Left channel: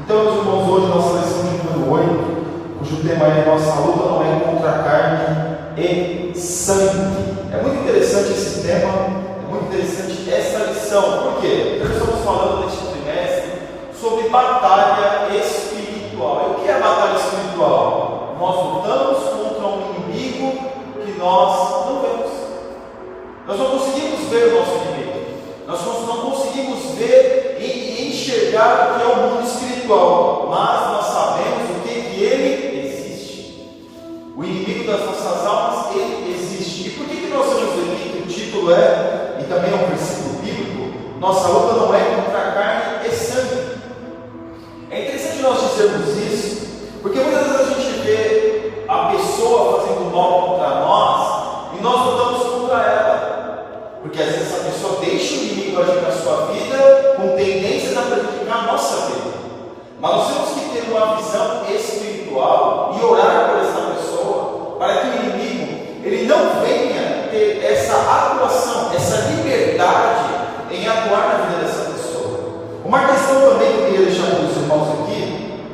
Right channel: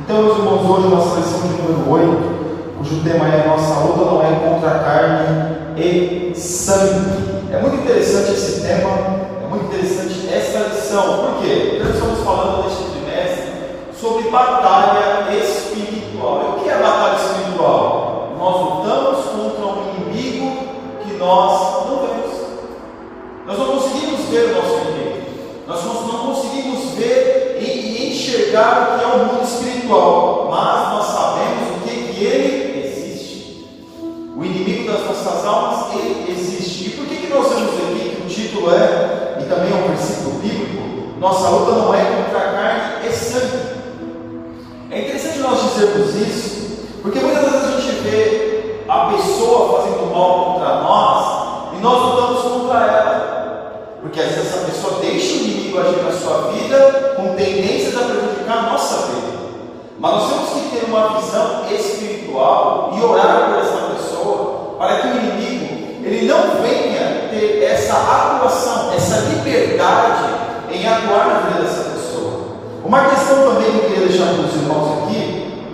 Então, meus irmãos, hoje nossa lição de número 8, cujo tema é Nossa luta não é contra a carne e sangue. É muito interessante esse tema, é muito interessante essa lição. Por quê? Nós estamos falando neste trimestre sobre batalha espiritual. E o que é batalha espiritual? Nós lutamos contra um inimigo que nós não vemos. Nós não conseguimos ver o nosso inimigo. Nós não conseguimos ver e enxergar o que é o mundo espiritual, mas nós sabemos o que ele existe. O inimigo das nossas almas, ele existe. E por que nós temos aqui, o título é, e também é um versículo bíblico, nossa luta não é contra a carne e sangue. É interessante nós dizermos isso, porque muitas vezes a gente vê a pessoa fazendo mal contra nós, e nós lutamos contra ela. Porque às vezes essa pessoa deixa o inimigo agir na sua vida com tendências a prejudicar a nossa vida. Mas nós temos que ter uma visão espiritual e orar por essa pessoa para que o inimigo ele não venha ter essa atuação, essa liberdade em atuar na vida dessa pessoa. Uma questão também que eu queria deixar para os irmãos aqui,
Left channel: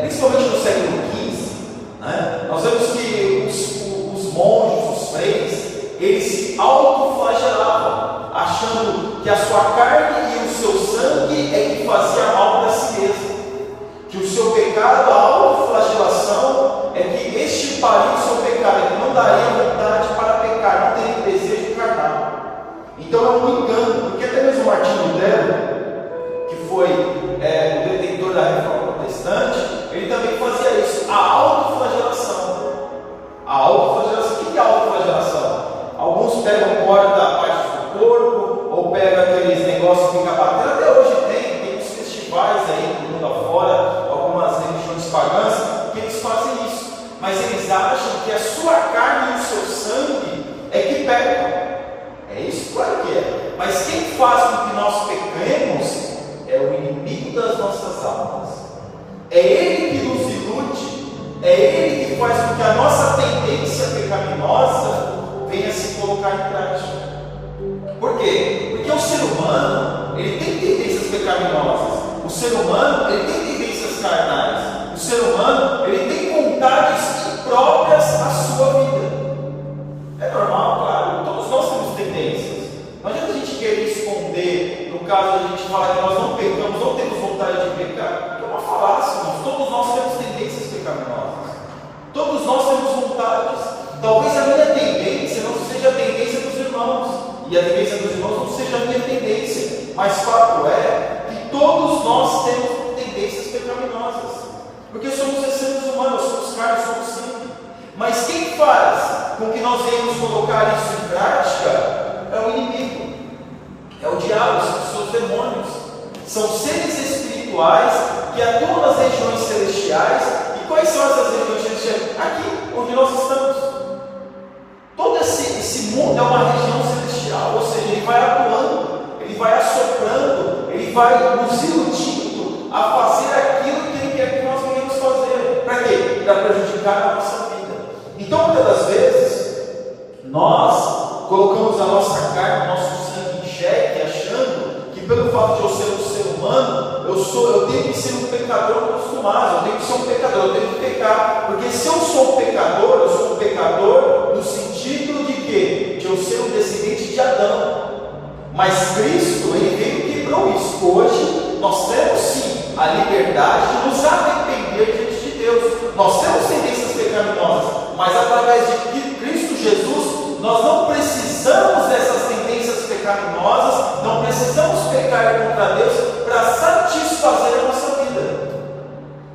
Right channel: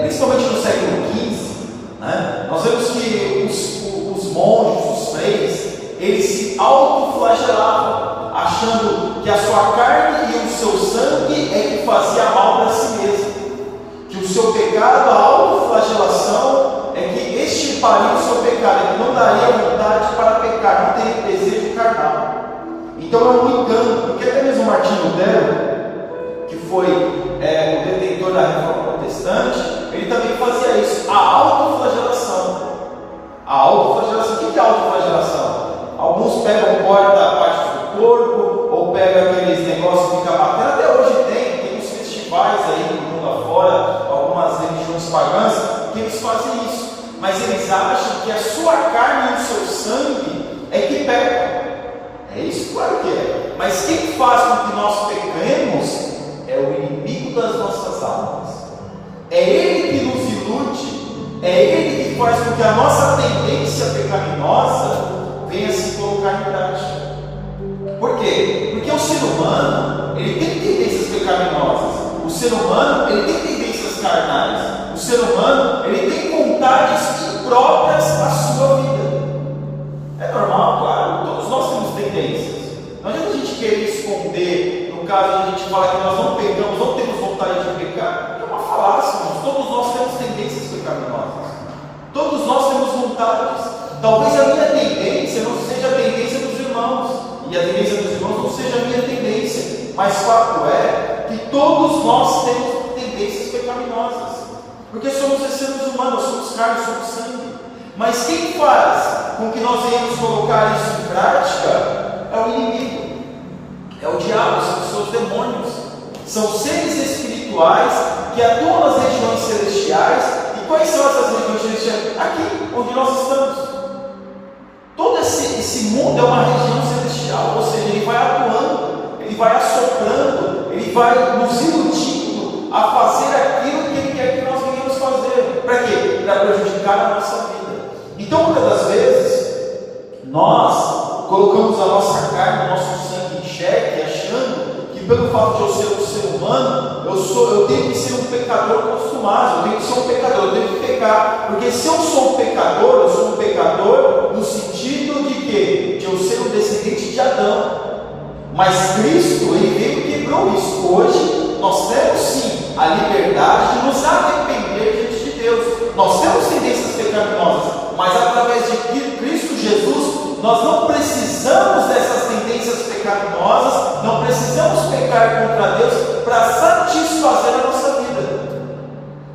principalmente no século XV, né, nós vemos que os monges, os freires, eles se autoflagelavam, achando que a sua carne e o seu sangue é que fazia mal para si mesmo, que o seu pecado, a autoflagelação, é que extirparia o seu pecado, que não daria vontade para pecar, não teria desejo carnal. Então é um engano, porque até mesmo Martinho Lutero, que foi o detentor da reforma protestante, ele também fazia isso, a autoflagelação. A autoflagelação, o que é a autoflagelação? Alguns pegam corta partes do corpo, ou pegam aqueles negócios que ficam bacana. Até hoje tem uns festivais aí no mundo afora, algumas religiões pagãs, que eles fazem isso. Mas eles acham que a sua carne e o seu sangue é que pecam. É isso, claro que é. Mas quem faz com que nós pequemos é o inimigo das nossas almas. É ele que nos ilude, é ele que faz com que a nossa tendência pecaminosa venha se colocar em prática. Por quê? Porque o ser humano, ele tem tendências pecaminosas. O ser humano, ele tem tendências carnais. O ser humano, ele tem vontades impróprias à sua vida. É normal, claro. Todos nós temos tendências. Não adianta a gente querer esconder, no caso de a gente falar que nós não pecamos, não temos vontade de pecar. É uma falácia, irmãos. Todos nós temos tendências pecaminosas. Todos nós temos vontades. Talvez a minha tendência não seja a tendência dos irmãos, e a tendência dos irmãos não seja a minha tendência, mas fato é que todos nós temos tendências pecaminosas, porque somos seres humanos, somos carne, somos sangue. Mas quem faz com que nós venhamos colocar isso em prática é o inimigo, é o diabo, são os seus demônios, são seres espirituais que atuam nas regiões celestiais. E quais são essas regiões celestiais? Aqui onde nós estamos. Todo esse mundo é uma região celestial, ou seja, ele vai atuando, ele vai assoprando, ele vai nos iludindo a fazer aquilo que ele quer que nós venhamos fazer. Para quê? Para prejudicar a nossa vida. Então, muitas das vezes, nós colocamos a nossa carne, o nosso sangue em xeque, achando que pelo fato de eu ser um ser humano, eu tenho que ser um pecador consumado, eu tenho que ser um pecador, eu tenho que pecar. Porque se eu sou um pecador, eu sou um pecador no sentido de quê? De eu ser um descendente de Adão. Mas Cristo, ele veio e quebrou isso. Hoje, nós temos sim a liberdade de nos arrepender diante de Deus. Nós temos tendências pecaminosas, mas através de Cristo Jesus, nós não precisamos dessas tendências pecaminosas, não precisamos pecar contra Deus para satisfazer a nossa vida.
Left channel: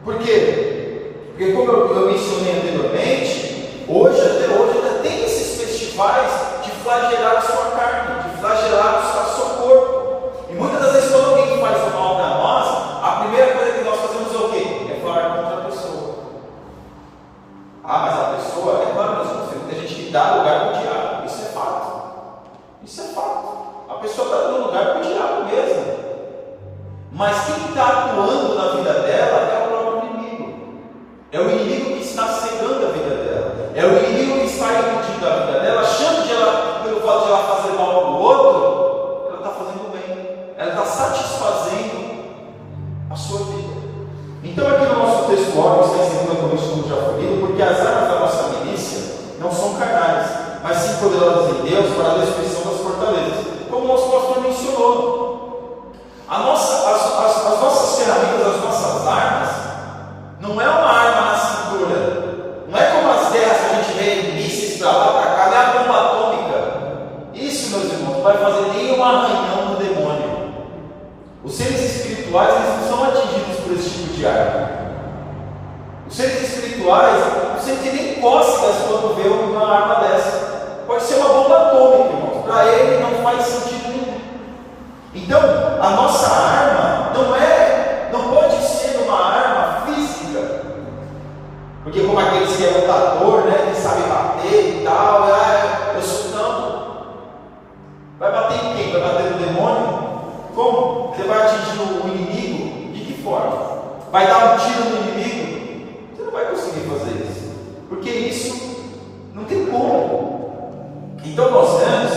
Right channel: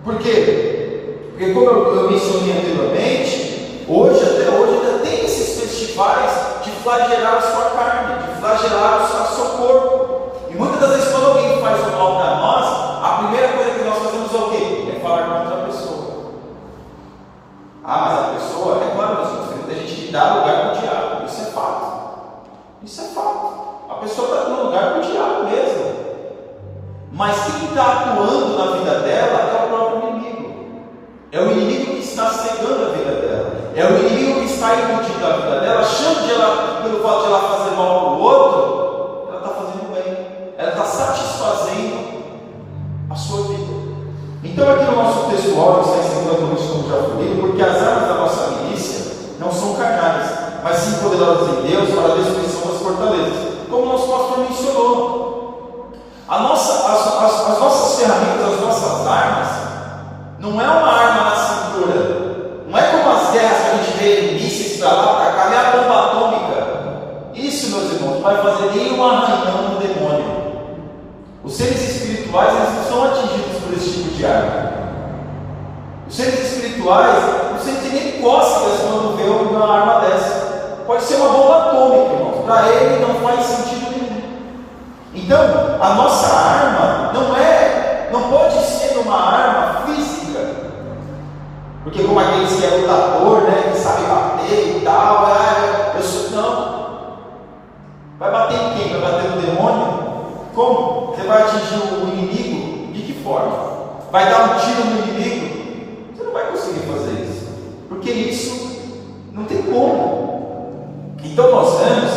Por quê? Porque como eu mencionei anteriormente, até hoje ainda tem esses festivais de flagelar a sua carne, de flagelar o seu corpo. E muitas das vezes quando alguém faz o mal para nós, a primeira coisa que nós fazemos é o quê? É falar contra a pessoa. Ah, mas a pessoa, é claro, tem gente que dá lugar para o diabo. Isso é fato. Isso é fato. A pessoa está dando lugar para o diabo mesmo. Mas quem está atuando na vida dela é o próprio inimigo. É o inimigo que está cegando a vida dela. É o inimigo que está iludindo a vida dela, achando que ela, pelo fato de ela fazer mal para o outro, ela está fazendo bem. Ela está satisfazendo a sua vida. Deuteronômio 6,50, como já foi lido, porque as armas da nossa milícia não são carnais, mas sim poderosas em Deus para a destruição das fortalezas, como o nosso pastor mencionou. As nossas ferramentas, as nossas armas, não é uma arma na cintura, não é como as guerras que a gente vê mísseis para lá, para cá, não é a bomba atômica. Isso, meus irmãos, não vai fazer nenhum arranhão do demônio. Os seres espirituais, eles não são atingidos por esse tipo de arma. Os seres espirituais não sentem nem cócegas quando vê uma arma dessa. Pode ser uma bomba atômica, irmãos. Para ele não faz sentido nenhum. Então, a nossa arma não pode ser uma arma física. Porque como aqueles que é lutador, né, que sabe bater e tal, eu sou não. Vai bater em quem? Vai bater no demônio? Como? Você vai atingir o inimigo? De que forma? Vai dar um tiro no inimigo? Você não vai conseguir fazer isso, porque isso não tem como. Então nós vemos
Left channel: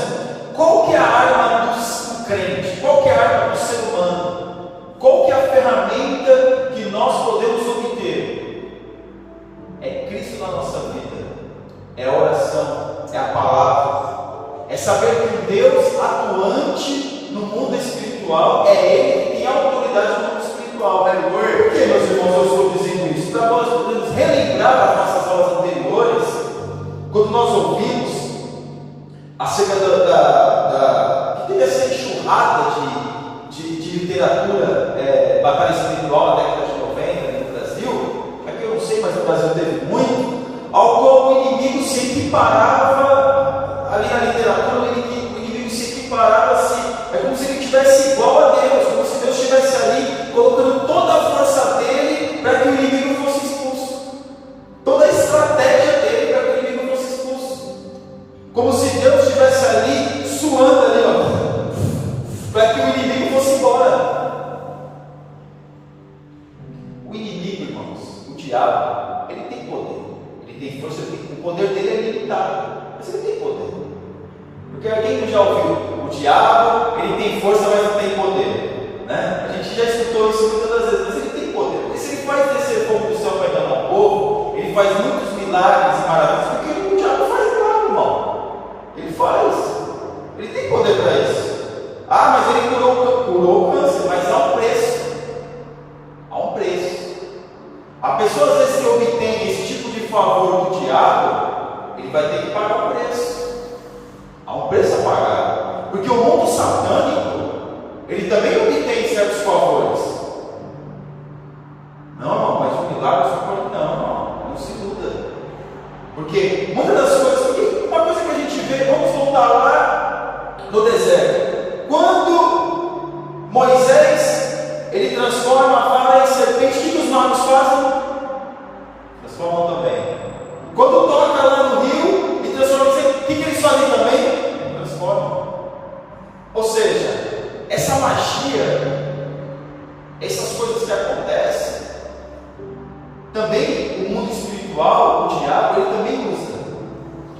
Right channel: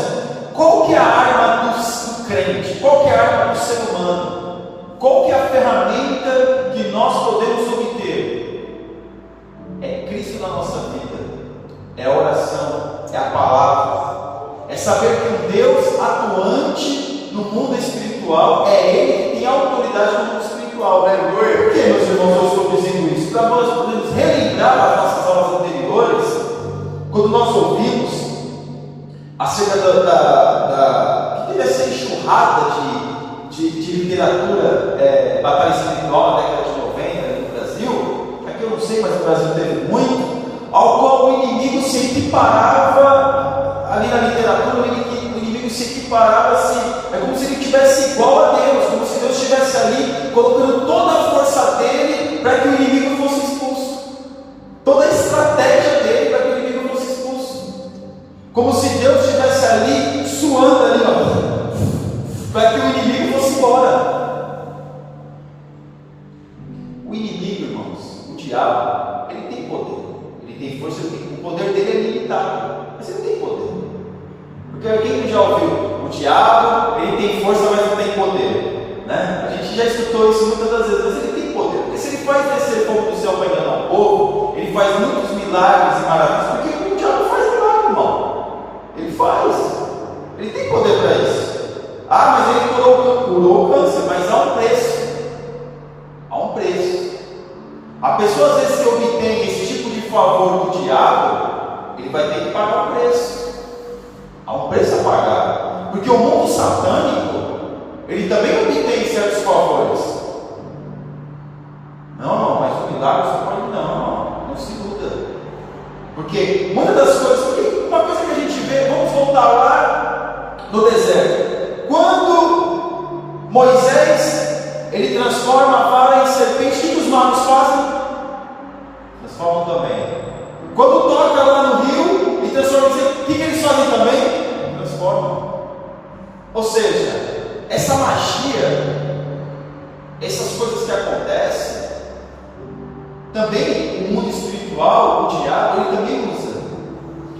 qual que é a arma do crente, qual que é a arma do ser humano, qual que é a ferramenta que nós podemos obter. É Cristo na nossa vida, é a oração, é a palavra, é saber que o Deus atuante no mundo espiritual é Ele que tem autoridade no mundo espiritual. Aleluia! Por que, meus irmãos, eu estou dizendo isso? Para nós podermos relembrar as nossas aulas anteriores, quando nós ouvimos acerca que teve essa enxurrada de literatura batalha espiritual na década de 90 no Brasil. Aqui eu não sei, mas o Brasil teve muito, ao qual o inimigo se equiparava. Ali na literatura, o inimigo se equiparava assim, é como se ele estivesse igual a Deus, como se Deus estivesse ali colocando toda a força dele para que o inimigo fosse expulso, toda a estratégia dele para que o inimigo fosse expulso, como se Deus estivesse ali suando ali, para que o inimigo fosse embora. O inimigo, irmãos, o diabo, ele tem poder, ele tem força, o poder dele é limitado, mas ele tem poder. Porque quem já ouviu? O diabo, ele tem força, mas não tem poder, né? A gente já escutou isso muitas das vezes, mas ele tem poder, porque se ele faz descer fogo do céu para enganar o povo, ele faz muitos milagres e maravilhas, porque o diabo faz milagre, irmão. Ele faz, ele tem poder para isso. Ah, mas ele curou o câncer, mas há um preço. Há um preço. A pessoa às vezes que obtém esse tipo de favor do diabo, ele vai ter que pagar o preço. Há um preço a pagar, porque o mundo satânico, ele também obtém certos favores. Não, mas o milagre só pode não se iluda. Porque muitas das coisas, porque uma coisa que a gente vê, vamos voltar lá no deserto. Quando Moisés, ele transforma a vara em serpente, o que os magos fazem? Transformam também. Quando toca lá no rio e transforma em serpente, o que eles fazem também? Ou seja, essa magia, essas coisas que acontecem, também o mundo espiritual, o diabo, ele também usa.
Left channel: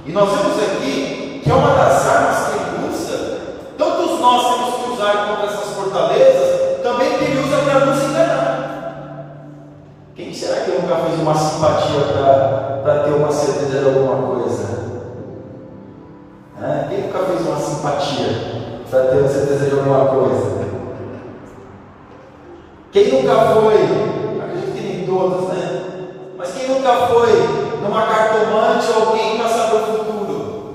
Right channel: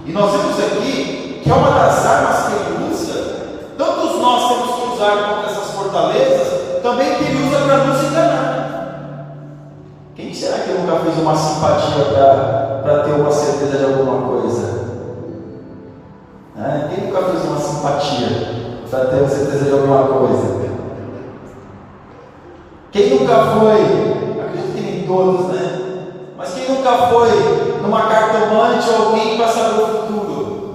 E nós vemos aqui que é uma das armas que ele usa, tantos nós temos que usar contra essas fortalezas, também que ele usa para nos enganar. Quem será que nunca fez uma simpatia para ter uma certeza de alguma coisa? Quem nunca fez uma simpatia para ter a certeza de alguma coisa? Quem nunca foi, acredito que nem todos, né? Mas quem nunca foi numa cartomante ou alguém para saber o futuro?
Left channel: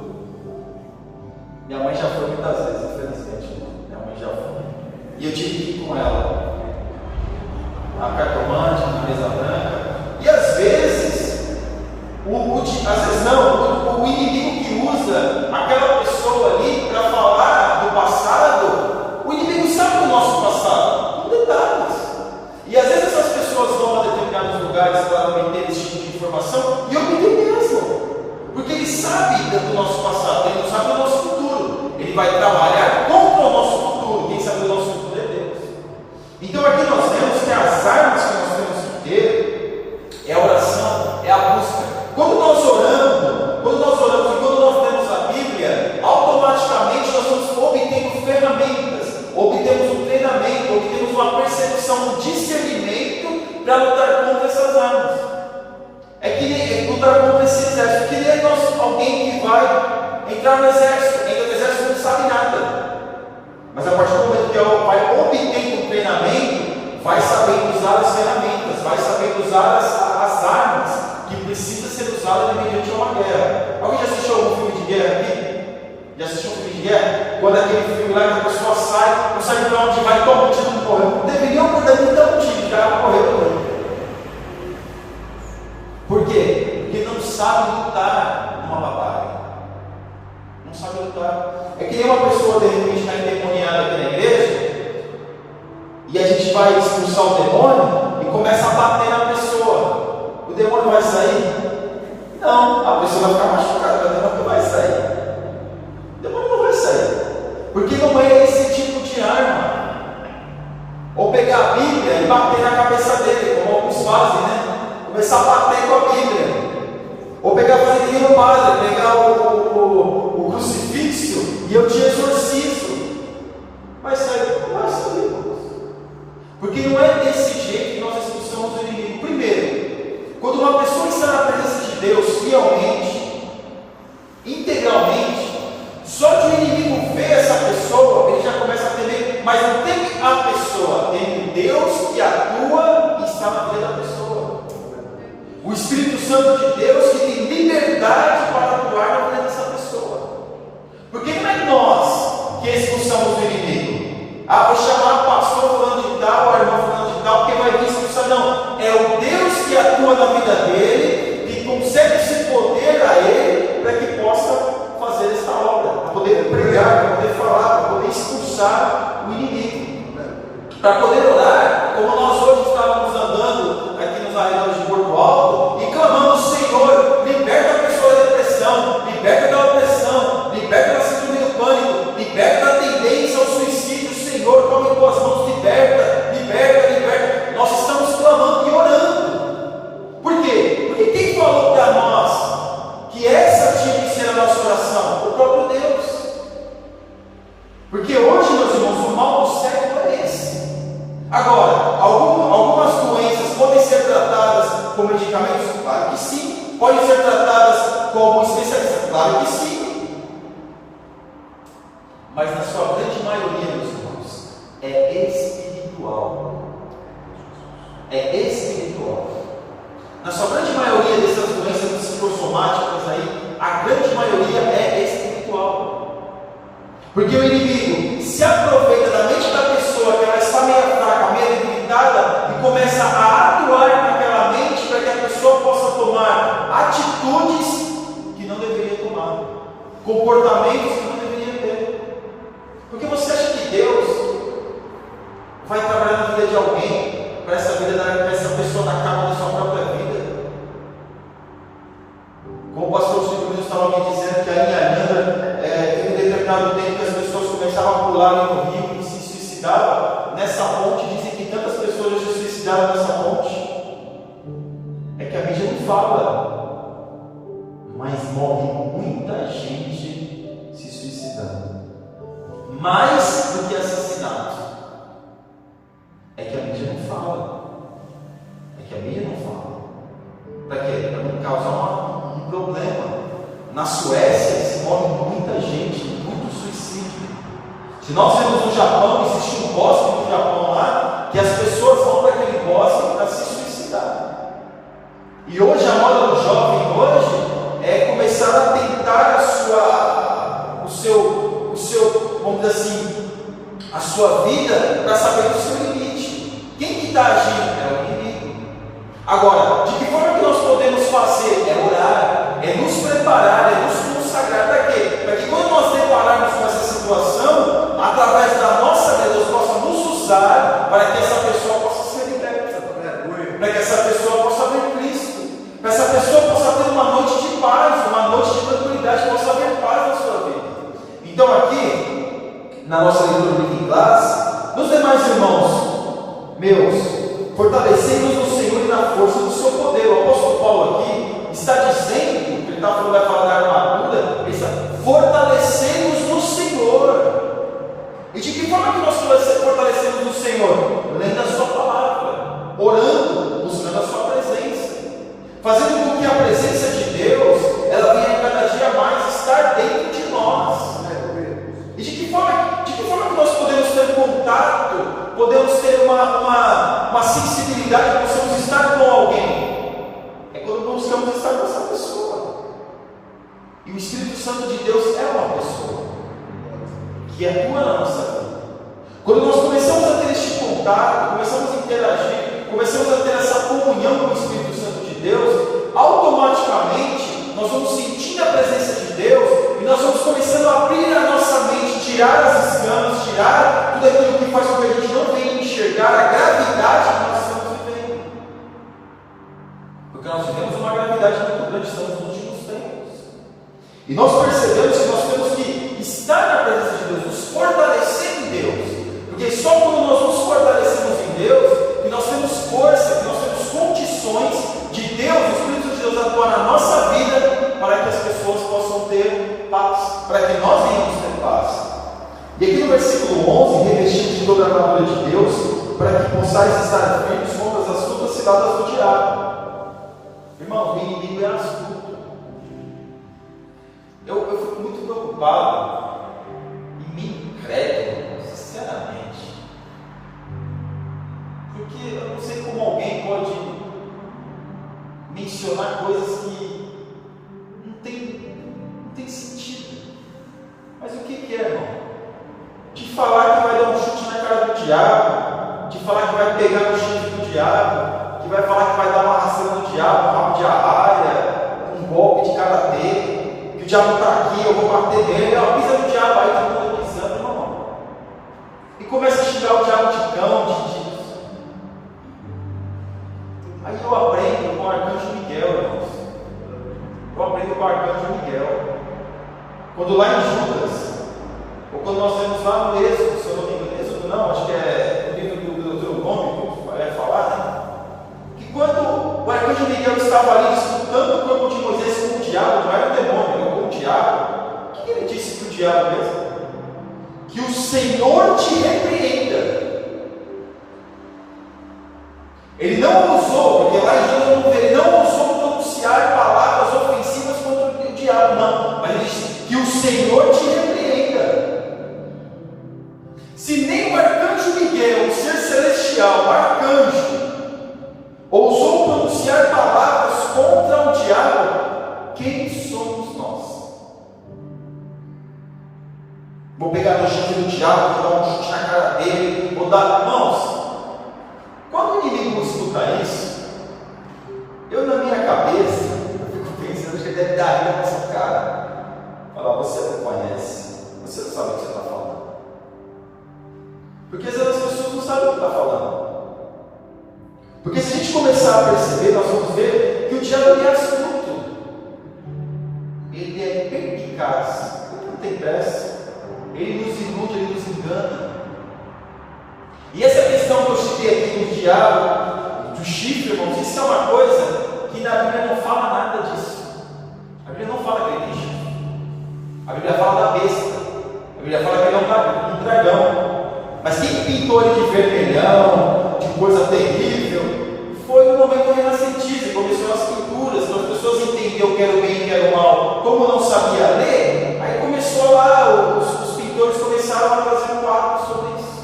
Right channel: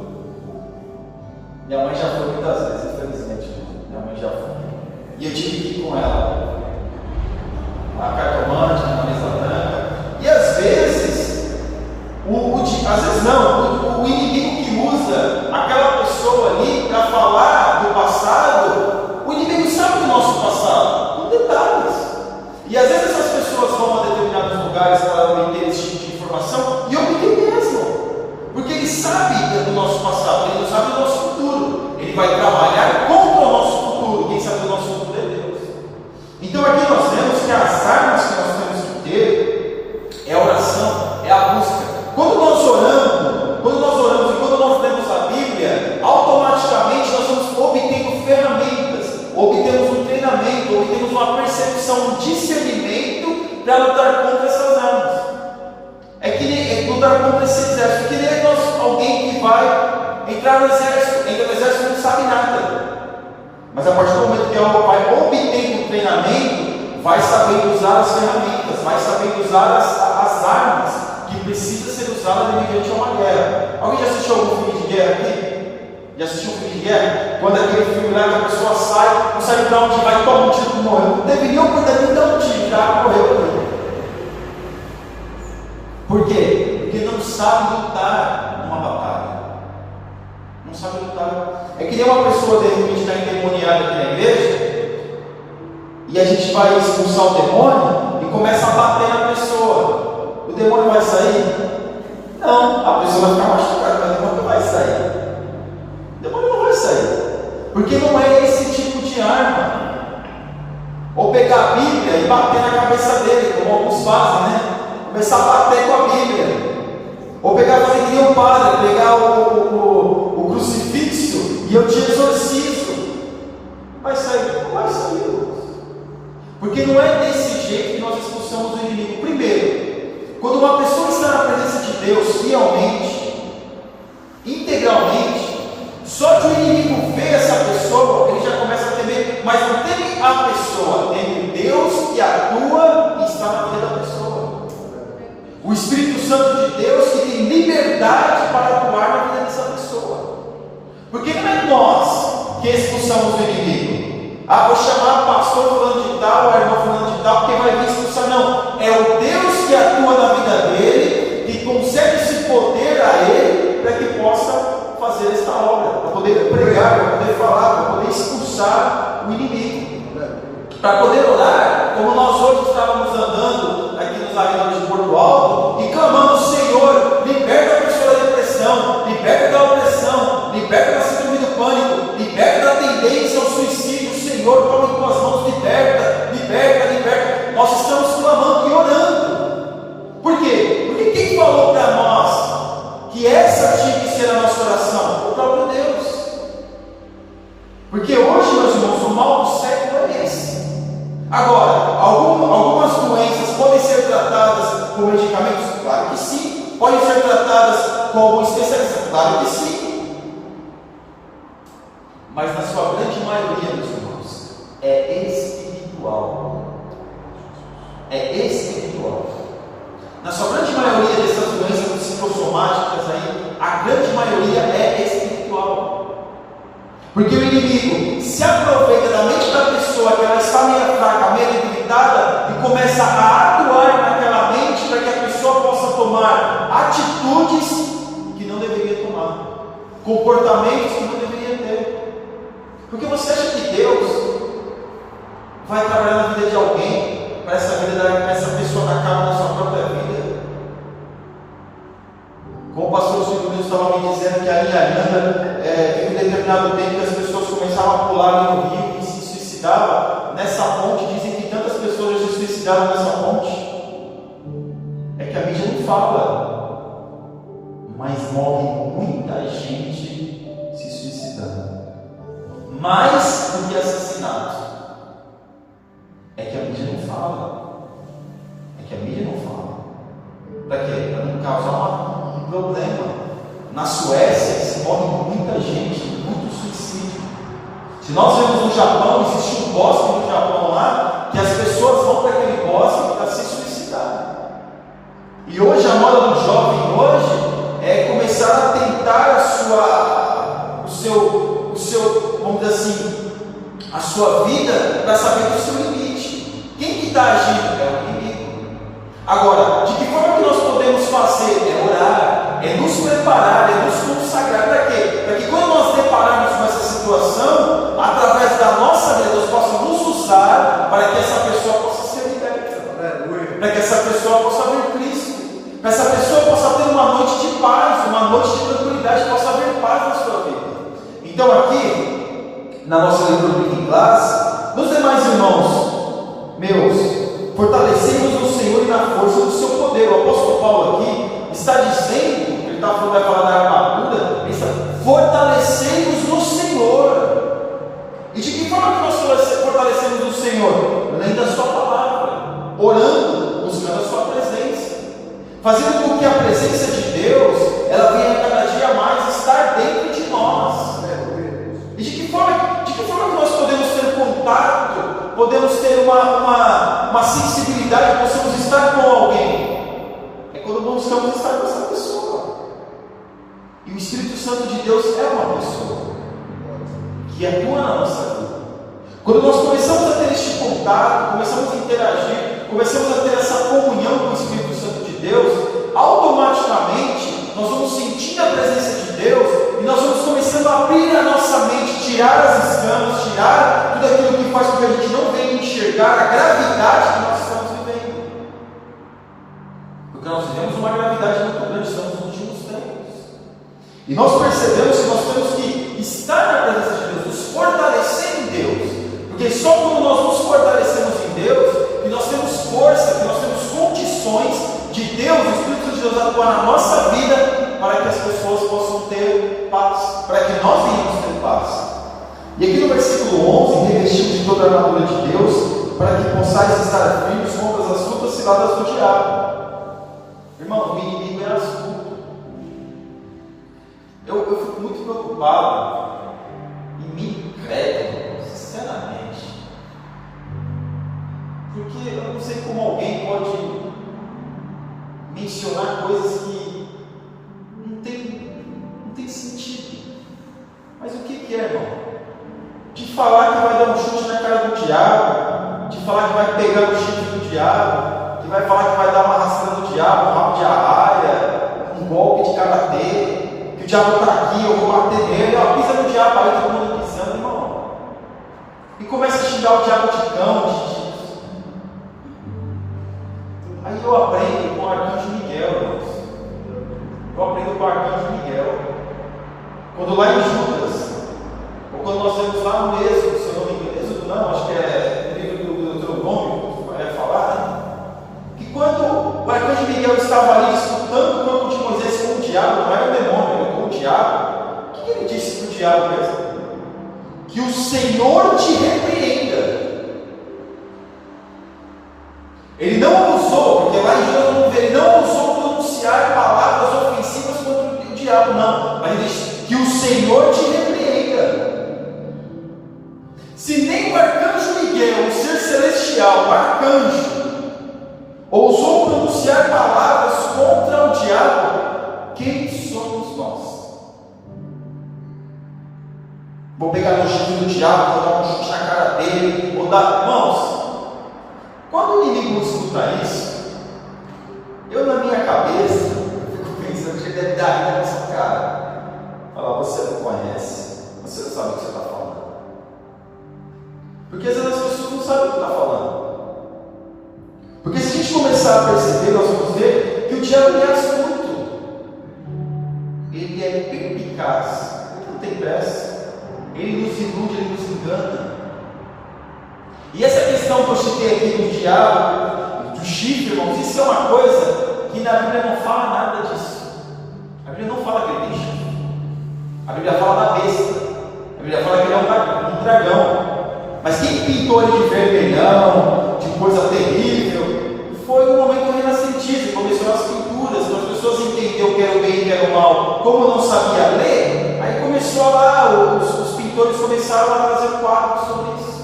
Minha mãe já foi muitas vezes, infelizmente. Minha mãe já foi. E eu tive que ir com ela. Uma cartomante, uma mesa branca. E às vezes, o inimigo que usa aquela pessoa ali para falar do passado, o inimigo sabe do nosso passado, com detalhes. E às vezes essas pessoas vão a determinados lugares para obter esse tipo de informação, e obter mesmo, porque ele sabe do nosso passado, ele não sabe do nosso futuro, ele vai trabalhar contra o nosso futuro. Quem sabe do nosso futuro é Deus. Então aqui nós vemos que as armas que nós temos que ter é a oração, é a busca. Quando nós oramos e quando nós lemos a Bíblia, automaticamente nós vamos obtendo ferramentas, obtemos um treinamento, obtemos uma percepção, um discernimento para lutar contra essas armas. nesse exército. Que nem alguém que vai entrar no exército, entra no exército e não sabe nada. Mas a partir do momento que ela vai obtendo um treinamento, vai sabendo usar as ferramentas, vai sabendo usar as armas que precisa ser usada mediante uma guerra. Alguém já assistiu algum filme de guerra aqui? Já assistiu um filme de guerra? Quando aquele filme lá que a pessoa sai, não sabe para onde vai, toma um tiro e morreu. Não deveria por dali dar um tiro, já morreu ali. Por quê? Porque não sabe lutar numa batalha. Não sabe lutar. É que nem uma pessoa de repente está endemoniada aqui na igreja, e a gente vai expulsar o demônio e começa a bater na pessoa. O demônio vai sair? Não, a pessoa vai ficar machucada, mas o demônio não vai sair. O demônio não vai sair. Porque não é esse tipo de arma. Ou pegar a Bíblia e bater na cabeça dele, como alguns fazem, né? Começar a bater com a Bíblia. Ou pegar, fazer que nem o padre, pegar o crucifixo e eu te exorcizo. Vai sair? Não vai sair. Porque não é desse jeito que nós expulsamos o inimigo. Primeiro, quando uma pessoa está na presença de Deus fielmente, integralmente, só de o inimigo ver essa pessoa, ele já começa a temer, mas não teme a pessoa, teme o Deus que atua e está na vida da pessoa. O Espírito Santo de Deus que tem liberdade para atuar na vida dessa pessoa. Porque não é nós que expulsamos o inimigo. Vou chamar o pastor fulano de tal, a irmã fulano de tal, porque vai vir expulsar. Não, é o Deus que atua na vida dele, que concede esse poder a ele, para que possa fazer esta obra, para poder pregar, para poder falar, para poder expulsar o inimigo. Para poder orar, como nós hoje estávamos andando aqui nos arredores de Porto Alto, e clamando: Senhor, liberta a pessoa da depressão, liberta da opressão, liberta da síndrome do pânico, liberta da tendência ao suicídio. Senhor, toma em tuas mãos, liberta, liberta, liberta. Nós estamos clamando e orando. Por quê? Porque quem falou para nós que essa tinha que ser a nossa oração? O próprio Deus. Porque hoje, meus irmãos, o mal do século é esse. Agora, algumas doenças podem ser tratadas com medicamentos? Claro que sim. Podem ser tratadas com algum especialista? Claro que sim. Mas na sua grande maioria, meus irmãos, é espiritual. É espiritual. Na sua grande maioria dessas doenças psicossomáticas aí, a grande maioria é espiritual. Porque o inimigo se aproveita da mente da pessoa, que ela está meio fraca, meio debilitada, e começa a atuar naquela mente para que a pessoa possa tomar atitudes que não deveria tomar, comportamentos que não deveria ter. Porque você acha que Deus vai trabalhar na vida de alguém para essa pessoa dar cabo na sua própria vida? Como o pastor Silvio estava me dizendo que a linha Aranda teve um determinado tempo que as pessoas começavam a pular no rio e se suicidavam nessa ponte. Dizem que tantas pessoas já se suicidaram nessa ponte. É que a mídia não fala, mas morre muita gente se suicidando, mais do que assassinato. É que a mídia não fala. É que a mídia não fala. Para quê? Para não causar um problema. Na Suécia se morre muita gente, muito suicídio. Se nós vemos no Japão, existe um bosque no Japão lá, que as pessoas vão para aquele bosque para se suicidar. E hoje a moda do jovem hoje é começar a tentar vamos dizer assim, a sua vida para saber do seu limite. Quem que está agindo? É o inimigo. Agora, de que forma que nós podemos fazer? É orar, é nos preparar, é nos consagrar. Para quê? Para que quando nós depararmos com essa situação, através da nossa vida, Deus possa nos usar para que essa pessoa possa ser liberta, para que essa pessoa possa ver Cristo, para que essa pessoa possa ter uma noite de paz, uma noite de tranquilidade, possa ver paz na sua vida. Então aqui, na nossa leitura de classe, nos demais irmãos meus, fortalecendo-nos no Senhor e na força do seu poder. O apóstolo Paulo aqui está dizendo, ele está falando, vai falar da armadura, ele está fortalecendo-nos no Senhor. E de que forma que nós fortalecemos no Senhor? Lendo a sua palavra, orando, buscando a sua presença. fazendo com que a presença de Deus, ela venha cada dia mais estar dentro de nós. E de que forma que nós podemos ter contato, podemos ter uma sensibilidade, possamos estar com alguém? É quando buscamos estar com essa pessoa. E o Espírito Santo de Deus é uma pessoa que atua na nossa vida. Quando nós começamos a ter este contato, começamos a interagir, começamos a ter essa comunhão com o Espírito Santo de Deus, automaticamente nós vamos sentindo a presença de Deus e nós vamos começando a abrir a nossa mente, tirar as escamas, tirar tudo aquilo que faz com que a gente não venha enxergar a gravidade que nós estamos vivendo. Porque nós vivemos uma gravidade muito grande, estamos nos últimos tempos. E nós percebemos que nós temos que estar na presença de Deus, nos fortalecer em Deus. Porque só quando nós nos fortalecemos em Deus, que nós temos força, que nós temos condições de Deus, o Espírito de Deus atuar na nossa vida, para que as pessoas possam ter paz, para que nós venhamos ter paz. E aqui no versículo 11, revestidos de toda a armadura de Deus, para que possais estar firmes contra as astutas ciladas do diabo. Irmão, o inimigo é astuto. Eu fico muito preocupado e me incrédulo, sinceramente. Porque eu não sei como alguém pode mencionar coisas que não tem sentido. Mas o que é, irmão? De falar que vai dar um chute na cara do diabo, de falar que vai pegar o chifre do diabo, que vai falar que vai dar uma rasteira do diabo, um rabo de arraia, um golpe de karatê, que o diabo está aqui, eu vou bater nele, pisa no diabo, aí todo mundo pisando, irmão. E começa a xingar o diabo de cão, Aí eu aprendo com o arcanjo Miguel, irmãos. Eu aprendo com o arcanjo Miguel. Quando lá em Judas, ou quando nós vemos lá no Êxodo, se eu não me engano, Êxodo não, acho que é o livro do Deuteronômio, que vai falar, né? Que quando o arcanjo Miguel estava ali disputando o corpo de Moisés com o diabo, não era o demônio, era com o diabo, o que ele disse para o diabo mesmo? Que o Senhor te repreenda. Ele não usou, porque lá em Judas vamos ver, ele não usou pronunciar palavras ofensivas contra o diabo, não. Mas ele disse que o Senhor te repreenda. Se nem o arcanjo Miguel, o ser celestial, o arcanjo, ousou pronunciar palavras contra o diabo, quem somos nós? Vou pegar no chifre do diabo, vou dar um chute na cara dele, vou dar. Irmãos, quando o inimigo escuta isso, eu na minha cabeça fico pensando que ele deve dar a vida nessa cara. Fala, você não conhece, você não sabe o que você está falando. Porque às vezes as pessoas não sabem o que está falando. Porque se a gente começar a perceber, nós vamos ver que o diabo é astuto. Ele é perspicaz, ele não tem pressa. Ele nos ilude, ele nos engana. E essa questão que eu citei aqui do diabo, do chifre, irmãos, isso é uma coisa que na Bíblia não fala nada disso. A Bíblia não fala que ele tem chifre. A Bíblia fala da besta. A Bíblia fala que ele é um dragão. Mas quem pintou ele de vermelhão, de coisa terrível, foi no momento renascentista, começou as pinturas, quando as pessoas entenderam que era o bem e que era o mal, como não sabia ler, aí começou lá, os pintores começaram a fazer quadros sobre isso.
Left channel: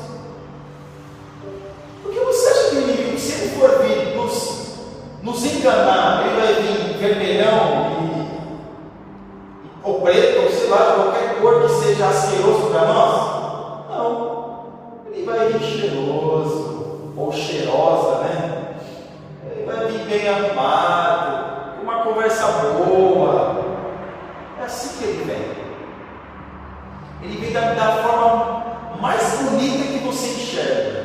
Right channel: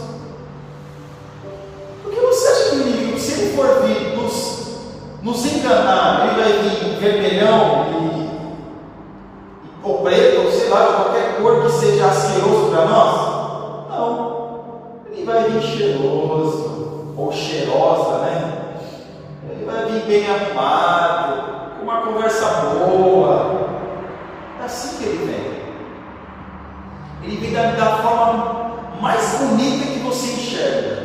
Você acha que o inimigo, se ele for vir nos enganar, ele vai vir vermelhão ou preto, ou sei lá, de qualquer cor que seja asqueroso para nós? Não. Ele vai vir cheiroso, ou cheirosa, né? Ele vai vir bem arrumado, com uma conversa boa. É assim que ele vem. Ele vem da forma mais bonita que você enxerga.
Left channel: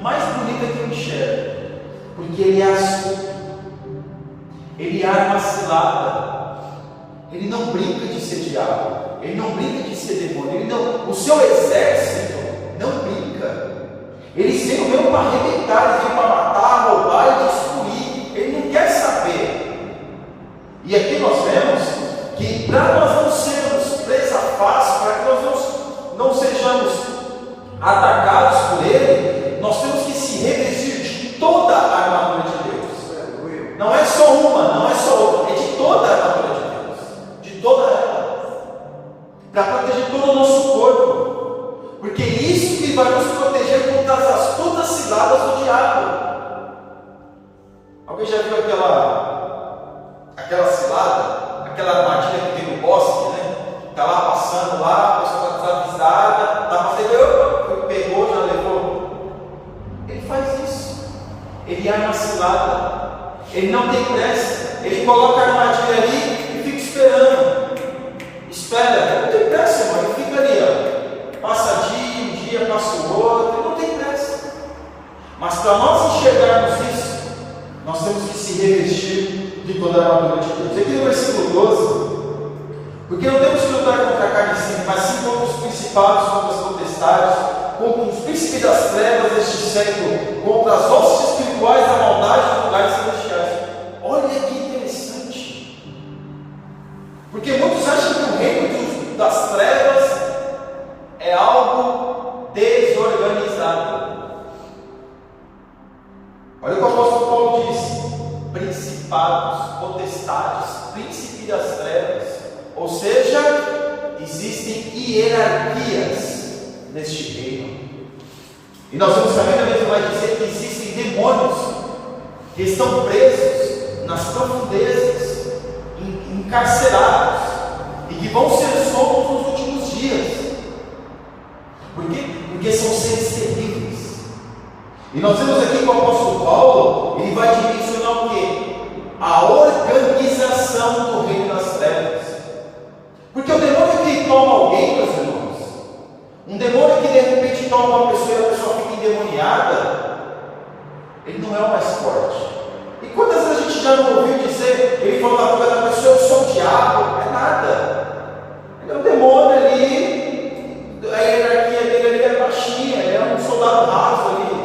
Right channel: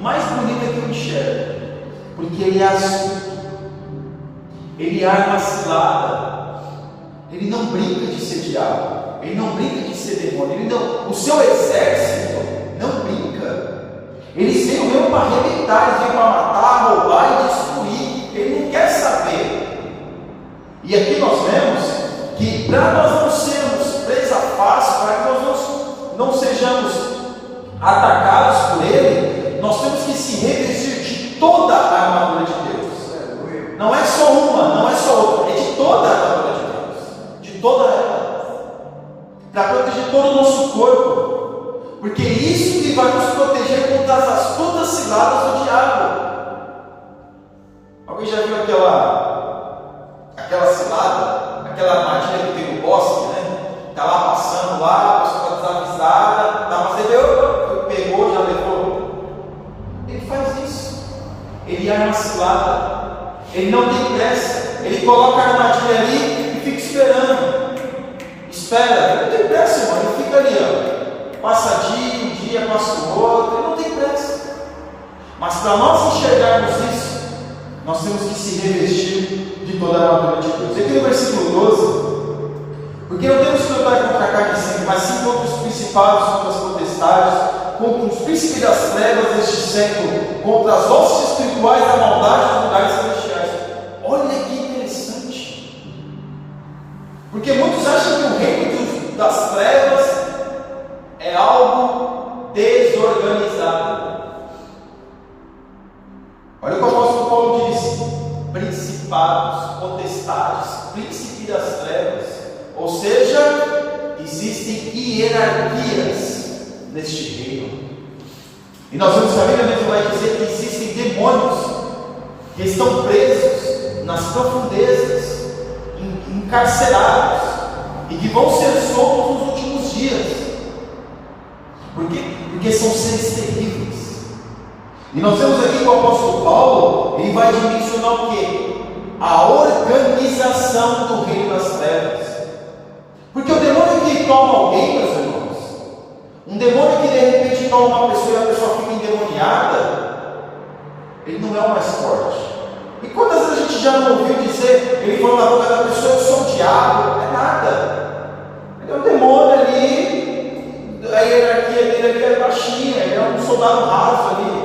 Mais bonita que eu enxergo, porque ele é astuto, ele arma cilada, ele não brinca de ser diabo, ele não brinca de ser demônio, o seu exército não brinca, eles vêm mesmo para arrebentar, eles vêm para matar, roubar e destruir, ele não quer saber. E aqui nós vemos que para nós não sermos presa fácil, para que nós não sejamos atacados por ele, nós temos que se revestir de toda a armadura de Deus. Não é só uma, não é de todo o nosso corpo. Porque isso que vai nos proteger contra as astutas ciladas do diabo. Alguém já viu aquela cilada, aquela armadilha que tem no bosque, né? Está lá passando lá, a pessoa está desavisada, está fazendo, pegou, já levou. Ele faz isso. Ele arma a cilada. Ele não tem pressa. Ele coloca a armadilha ali e fica esperando. Espera, ele não tem pressa, irmão. Ele fica ali, ó. Passa um dia passa o outro, ele não tem pressa. Mas para nós enxergarmos isso, nós temos que se revestir de toda a armadura de Deus. E aqui no versículo 12, porque não temos que lutar contra a carne e sangue, mas sim contra os principados, contra as potestades, contra os príncipes das trevas deste século, contra as hostes espirituais da maldade dos lugares celestiais. Olha que interessante. Porque muitos acham que o reino das trevas é algo desorganizado. Olha o que o apóstolo Paulo disse: principados, potestades, príncipe das trevas. Ou seja, existem hierarquias neste reino. E nós vamos saber, a Bíblia vai dizer que existem demônios que estão presos nas profundezas, encarcerados, e que vão ser soltos nos últimos dias. Por quê? Porque são seres terríveis. E nós vemos aqui que o apóstolo Paulo, ele vai dimensionar o quê? A organização do reino das trevas. Porque o demônio que toma alguém, meus irmãos, um demônio que de repente toma uma pessoa e a pessoa fica endemoniada, ele não é o mais forte. E quantas vezes a gente já não ouviu dizer, ele falou na boca da pessoa: eu sou o diabo? É nada. Ele é um demônio ali. A hierarquia dele ali é baixinha, ele é um soldado raso ali.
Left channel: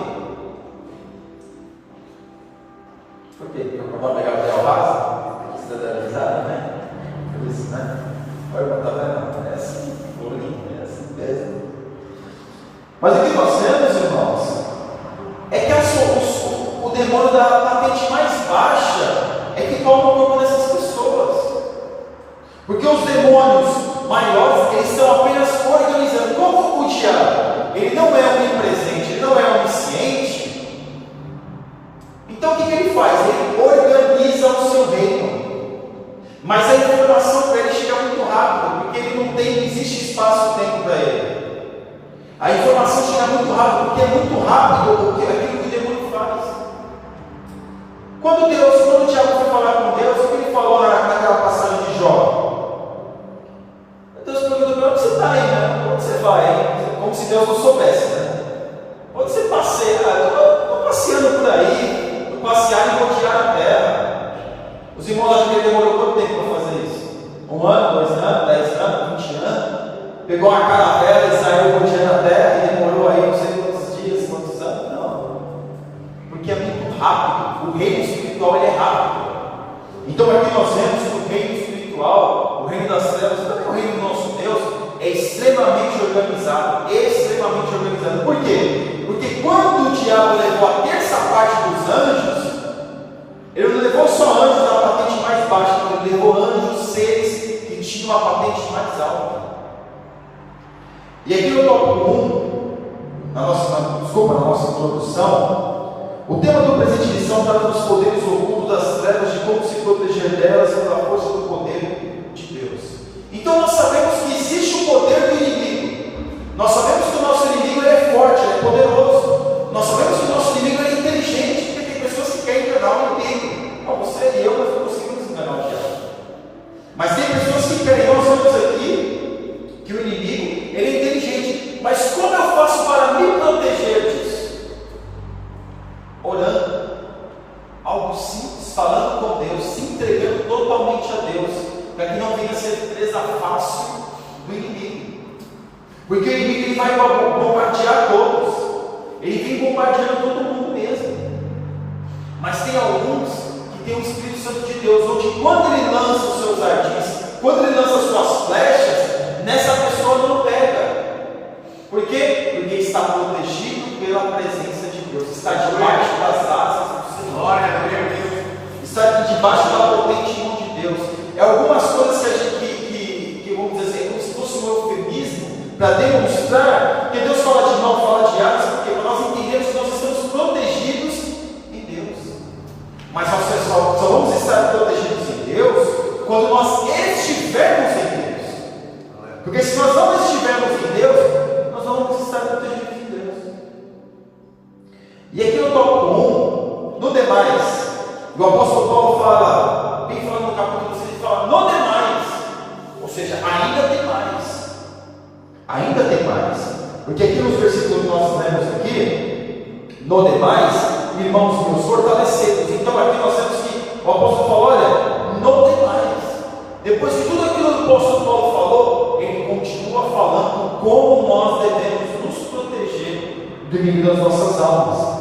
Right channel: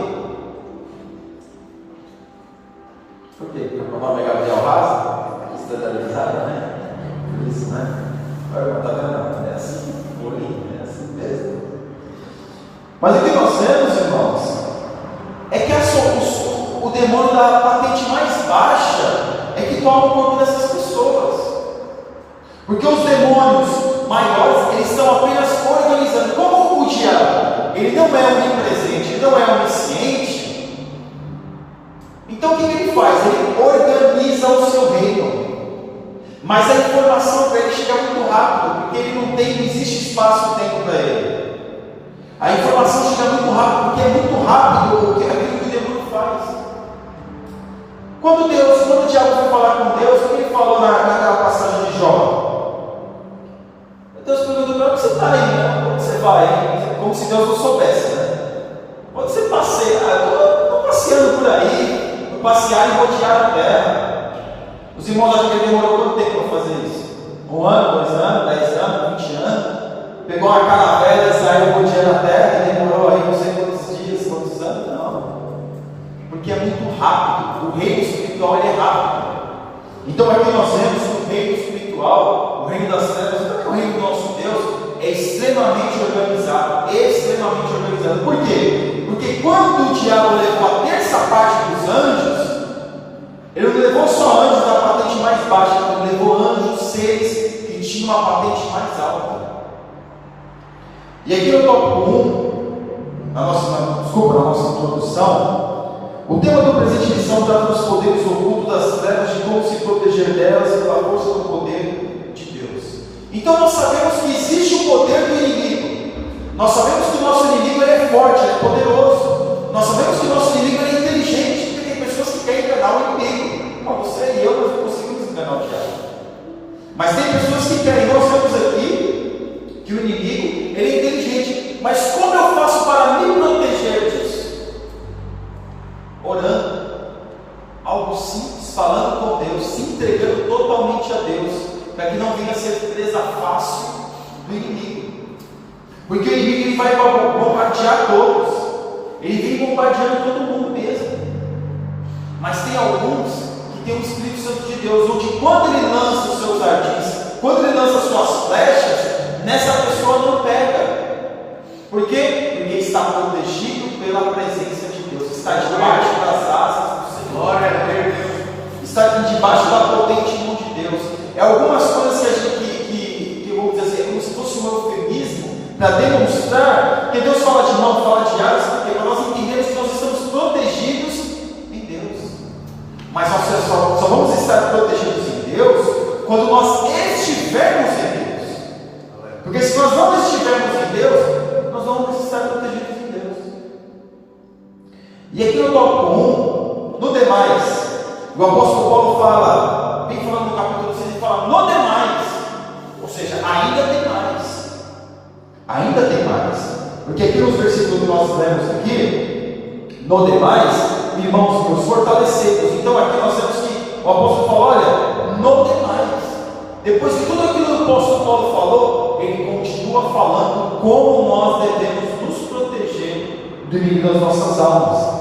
Por quê? Porque o papai legal o raso? Você está dando risada, né? Por isso, né? Olha, tá vendo? É assim, bolinho, é assim mesmo. Mas o que nós vemos, irmãos, é que o demônio da patente mais baixa é que toma o corpo dessas pessoas. Porque os demônios maiores, eles estão apenas organizando. Como o diabo, ele não é onipresente, ele não é onisciente. Então o que ele faz? Ele organiza o seu reino. Mas a informação para ele chega muito rápido, porque ele não existe espaço dentro para ele. A informação chega muito rápido, porque é muito rápido aquilo que o demônio faz. Quando o diabo foi falar com Deus, o que ele falou naquela passagem de Jó? Deus perguntou: onde você está aí, né? Onde você vai? Como se Deus não soubesse, né? Onde você passeia? Estou passeando por aí, vou passear e rodear a terra. Os irmãos acham que ele demorou quanto tempo para fazer isso? 1 ano, 2 anos, 10 anos, 20 anos? Pegou uma caravela e saiu rodeando a terra e demorou aí não sei quantos dias, quantos anos? Não. Porque é muito rápido. O reino espiritual ele é rápido. Então aqui nós vemos que o reino espiritual, o reino das trevas, o reino do nosso Deus é extremamente organizado. Extremamente organizado. Por quê? Porque quando o diabo levou a terça parte dos anjos, ele não levou só anjos da patente mais baixa, ele levou anjos, seres que tinham a patente mais alta. E aqui no tópico 1, na nossa introdução, o tema do presente lição trata dos poderes ocultos das trevas, de como se proteger delas pela força do poder de Deus. Então nós sabemos que existe o poder do inimigo. Nós sabemos que o nosso inimigo é forte, ele é poderoso. Nós sabemos que o nosso inimigo é inteligente, porque tem pessoas que querem enganar o inimigo. Como você e eu, nós não conseguimos enganar o diabo. Mas tem pessoas que querem. Nós vemos aqui que o inimigo ele é inteligente. Mas como eu faço para me proteger disso? Orando, algo simples, falando com Deus, se entregando totalmente a Deus, para que não venha a ser presa fácil do inimigo. Porque o inimigo ele vai bombardear todos, ele vem bombardeando todo mundo mesmo. Mas tem alguns que tem o Espírito Santo de Deus, onde quando ele lança os seus ardis, quando ele lança as suas flechas, nessa pessoa não pega. Por quê? Porque está protegido pela presença de Deus, está debaixo das asas do Senhor. Glória a Deus. Está debaixo da potente mão de Deus. É algumas coisas que a gente, que vamos dizer assim, como se fosse um eufemismo, Porque se nós não estivermos em Deus, nós não vamos estar protegidos em Deus. E aqui no tópico 1, no demais, o apóstolo Paulo fala, bem falando no capítulo 6, ele fala no demais, ou seja, ainda tem mais. Ainda tem mais. Porque aqui nos versículos que nós lemos aqui, no demais, irmãos meus, fortalecemos. Então aqui nós temos que o apóstolo falou, olha, no demais. Depois de tudo aquilo que o apóstolo Paulo falou, ele continua falando como nós devemos nos proteger do inimigo das nossas almas.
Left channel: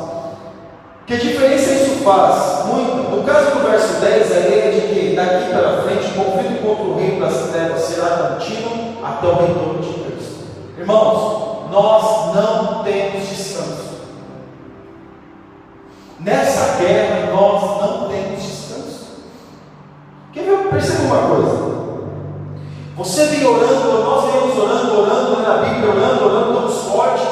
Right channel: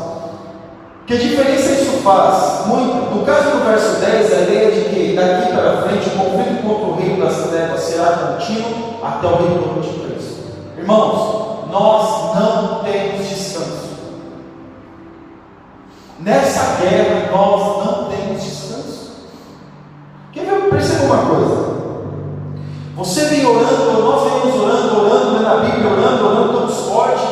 Que diferença isso faz? Muito. No caso do verso 10, a ideia de que daqui para frente o conflito contra o reino das trevas será contínuo até o retorno de Cristo. Irmãos, nós não temos descanso. Nessa guerra nós não temos descanso. Perceba uma coisa. Você vem orando, nós vemos orando na Bíblia, orando, estamos fortes,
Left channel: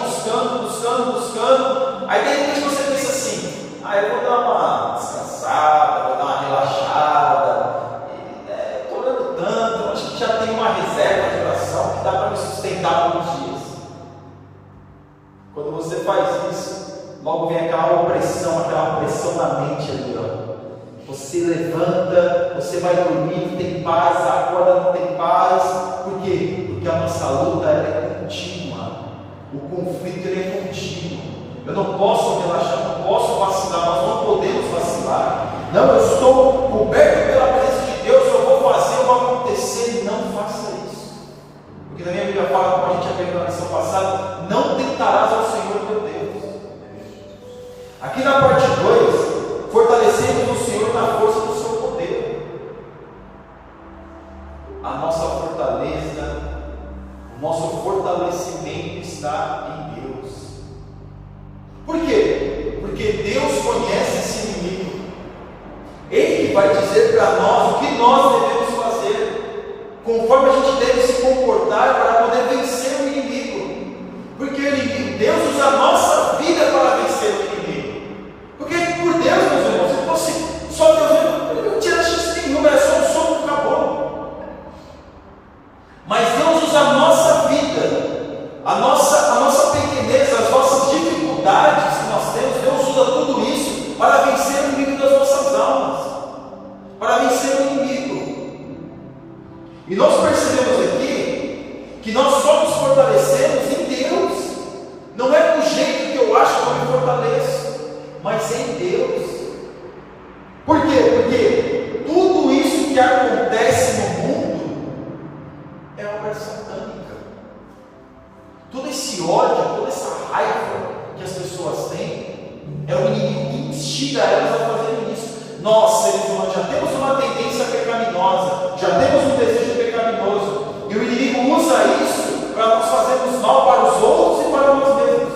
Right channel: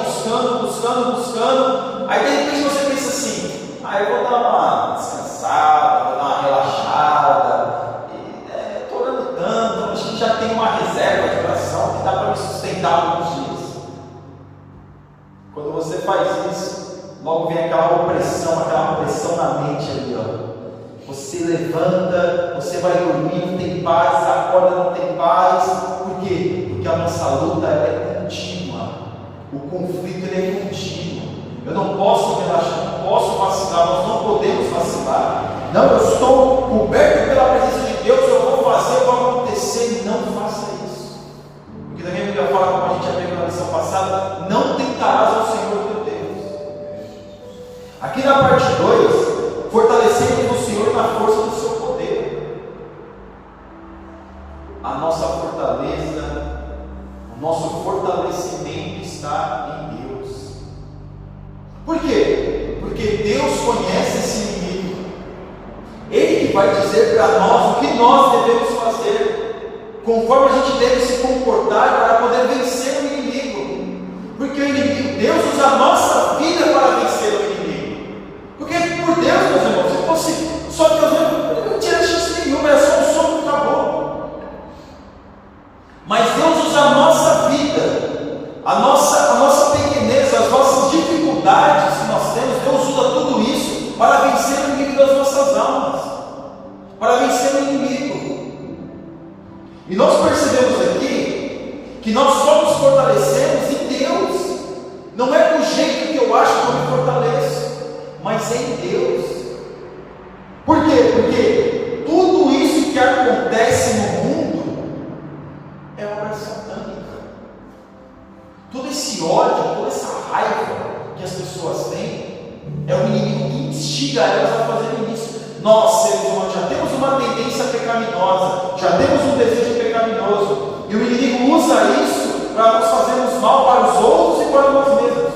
buscando. Aí de repente você pensa assim: eu vou dar uma descansada, vou dar uma relaxada. Estou orando tanto, acho que já tem uma reserva de oração que dá para me sustentar alguns dias. Quando você faz isso, logo vem aquela pressão na mente ali, ó. Você levanta, você vai dormir, não tem paz, acorda, não tem paz. Por quê? Porque a nossa luta é contínua. O conflito é contínuo. Eu não posso relaxar, não posso vacilar, nós não podemos vacilar. Não, eu estou coberto pela presença de Deus, eu vou fazer, vai acontecer. Não faça isso. Porque também a Bíblia fala, como a gente aprendeu na lição passada, não tentarás ao Senhor teu Deus. Aqui na parte 2, fortalecemos o Senhor na força do seu poder. A nossa fortaleza, o nosso fortalecimento está em Deus. Por quê? Porque Deus conhece esse inimigo. Ele que vai dizer para nós o que nós devemos fazer, conforme a gente deve se comportar para poder vencer o inimigo. Porque o inimigo, Deus usa a nossa vida para vencer o inimigo. Porque por Deus, meus irmãos, se fosse só Deus, eu não tinha chance nenhuma, era só um som que acabou. Mas Deus usa a nossa vida, a nossa pequenez, as nossas dificuldades que nós temos, Deus usa tudo isso para vencer o inimigo das nossas almas, para vencer o inimigo. E nós percebemos aqui que nós só nos fortalecemos em Deus, não é do jeito que eu acho que eu me fortaleço, mas é em Deus. Por quê? Porque tudo isso que acontece no mundo é obra satânica. Todo esse ódio, toda essa raiva que as pessoas têm, é o inimigo que instiga elas a fazerem isso. Nós, seres humanos, já temos uma tendência pecaminosa, já temos um desejo pecaminoso, e o inimigo usa isso para nós fazermos mal para os outros e para nós mesmos.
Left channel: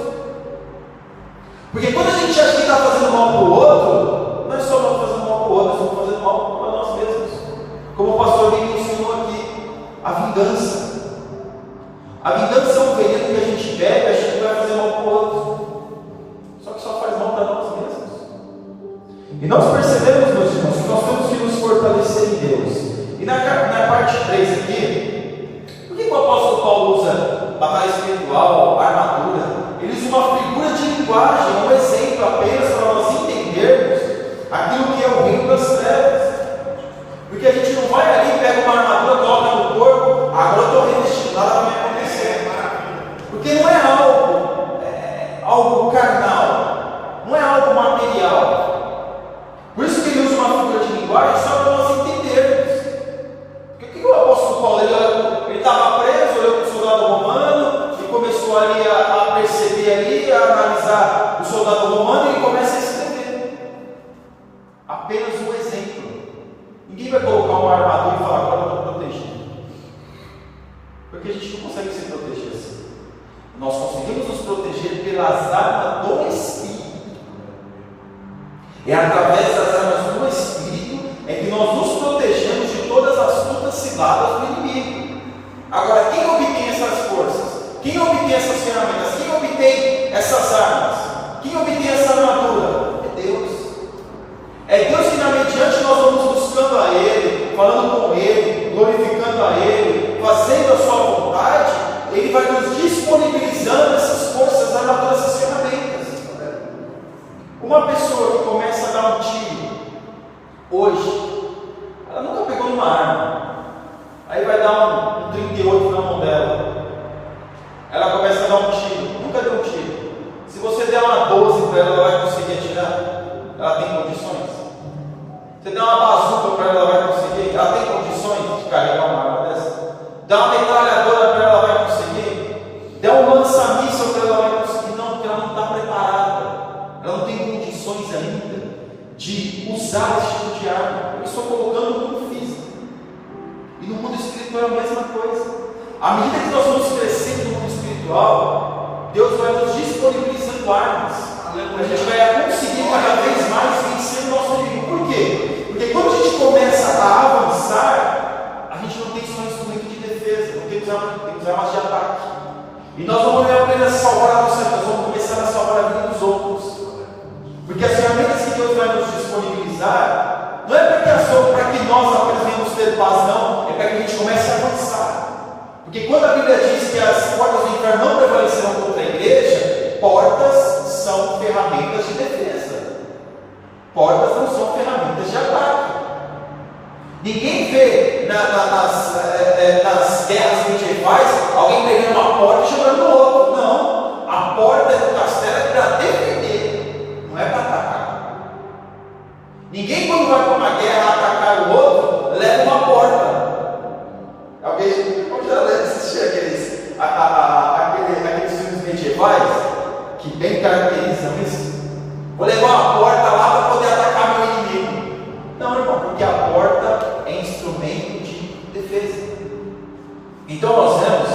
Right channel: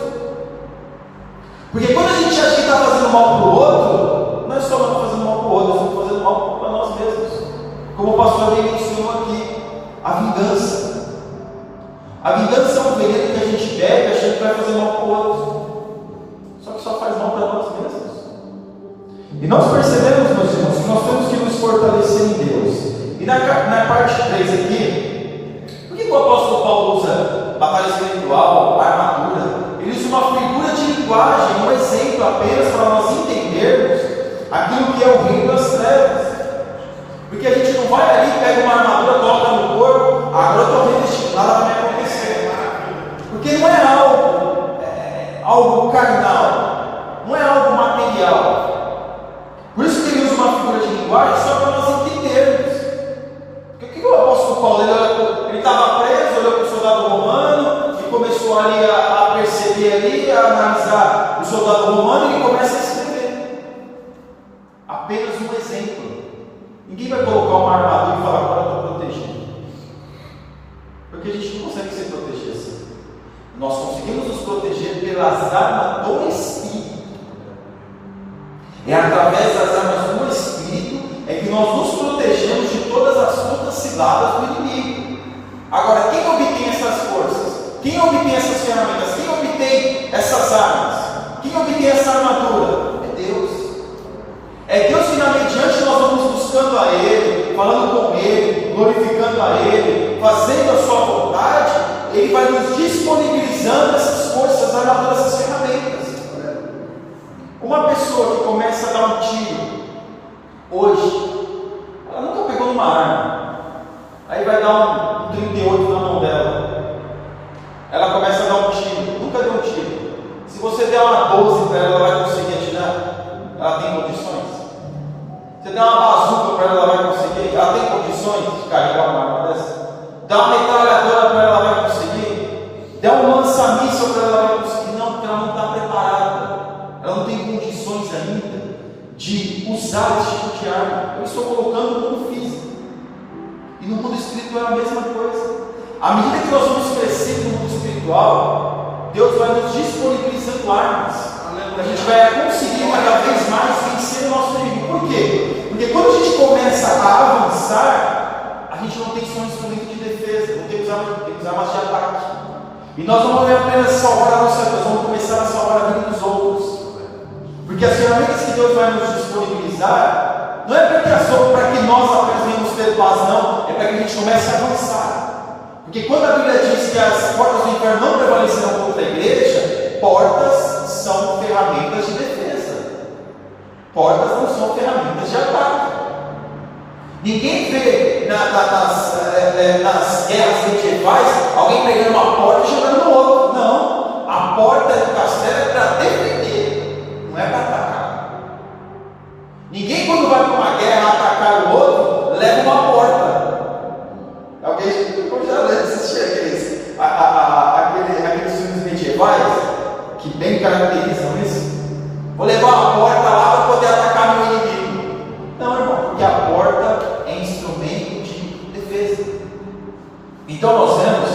Porque quando a gente acha que está fazendo mal para o outro, não é só nós fazendo mal para o outro, nós estamos fazendo mal para nós mesmos. Como o pastor bem mencionou aqui, a vingança. A vingança é um veneno que a gente bebe, a gente vai fazer mal para o outro. Só que só faz mal para nós mesmos. E nós percebemos, meus irmãos, que nós temos que nos fortalecer em Deus. E na parte 3 aqui, por que o apóstolo Paulo usa batalha espiritual, armadura? Ele usa uma figura de linguagem, um exemplo apenas para nós entendermos aquilo que é o reino das trevas. Porque a gente não vai ali, pega uma armadura, coloca no corpo, agora eu estou revestido, nada vai acontecer. Porque não é algo carnal, não é algo material. Por isso que ele usa uma figura de linguagem só para nós entendermos. Porque o que o apóstolo Paulo, ele estava preso, olhou para o soldado romano, começou ali a perceber ali, a analisar o soldado romano, e ele começa a escrever apenas um exemplo. Ninguém vai colocar uma armadura e falar: agora eu estou protegido, porque a gente não consegue se proteger assim. Nós conseguimos nos proteger pelas armas do Espírito. É através das armas do Espírito é que nós nos protegemos de todas as lutas ciladas do inimigo. Agora, quem obtém essas forças? Quem obtém essas ferramentas? Quem obtém essas armas? Quem obtém essa armadura? É Deus. É Deus que, mediante, nós vamos buscando a Ele, falando com Ele, glorificando a Ele, fazendo a sua vontade. Ele vai nos disponibilizando essas forças armadoras, essas ferramentas. Uma pessoa que começa a dar um tiro hoje, ela nunca pegou numa arma, aí vai dar um 38 na mão dela, ela começa a dar um tiro, nunca deu um tiro. Se você der uma 12 para ela, ela vai conseguir atirar? Ela tem condições? Você der uma bazuca para ela, ela vai conseguir? Ela tem condições de carregar uma arma dessa? Dá uma metralhadora para ela, ela vai conseguir? Der um lança-míssil para ela, ela vai conseguir? Não, porque ela não está preparada. Ela não tem condições ainda de usar esse tipo de arma. Eu estou colocando no mundo físico. E no mundo espiritual é a mesma coisa. À medida que nós vamos crescendo no mundo espiritual, Deus vai nos disponibilizando armas. A gente vai conseguir cada vez mais vencer o nosso inimigo. Por quê? Porque quando a gente começa a avançar, a gente não tem só um instrumento de defesa, não tem que usar mais de ataque. E nós não vamos apenas salvar a nossa vida, nós vamos começar a salvar a vida dos outros. Porque as ferramentas que Deus vai nos disponibilizar, não é para que nós apenas venhamos ter paz, não, é para que a gente comece a avançar. Porque quando a Bíblia diz que as portas do inferno não prevalecerão contra a igreja, portas são ferramentas de defesa. Portas não são ferramentas de ataque. Ninguém vê nas guerras medievais alguém pegando uma porta e jogando no outro. Não. A porta do castelo é para defender, não é para atacar. Ninguém, quando vai para uma guerra atacar o outro, leva uma porta. Alguém já assistiu aqueles filmes medievais que bem caracterizam isso? Vou levar uma porta lá para poder atacar meu inimigo. Não, irmão, porque a porta é instrumento de defesa. Então nós vemos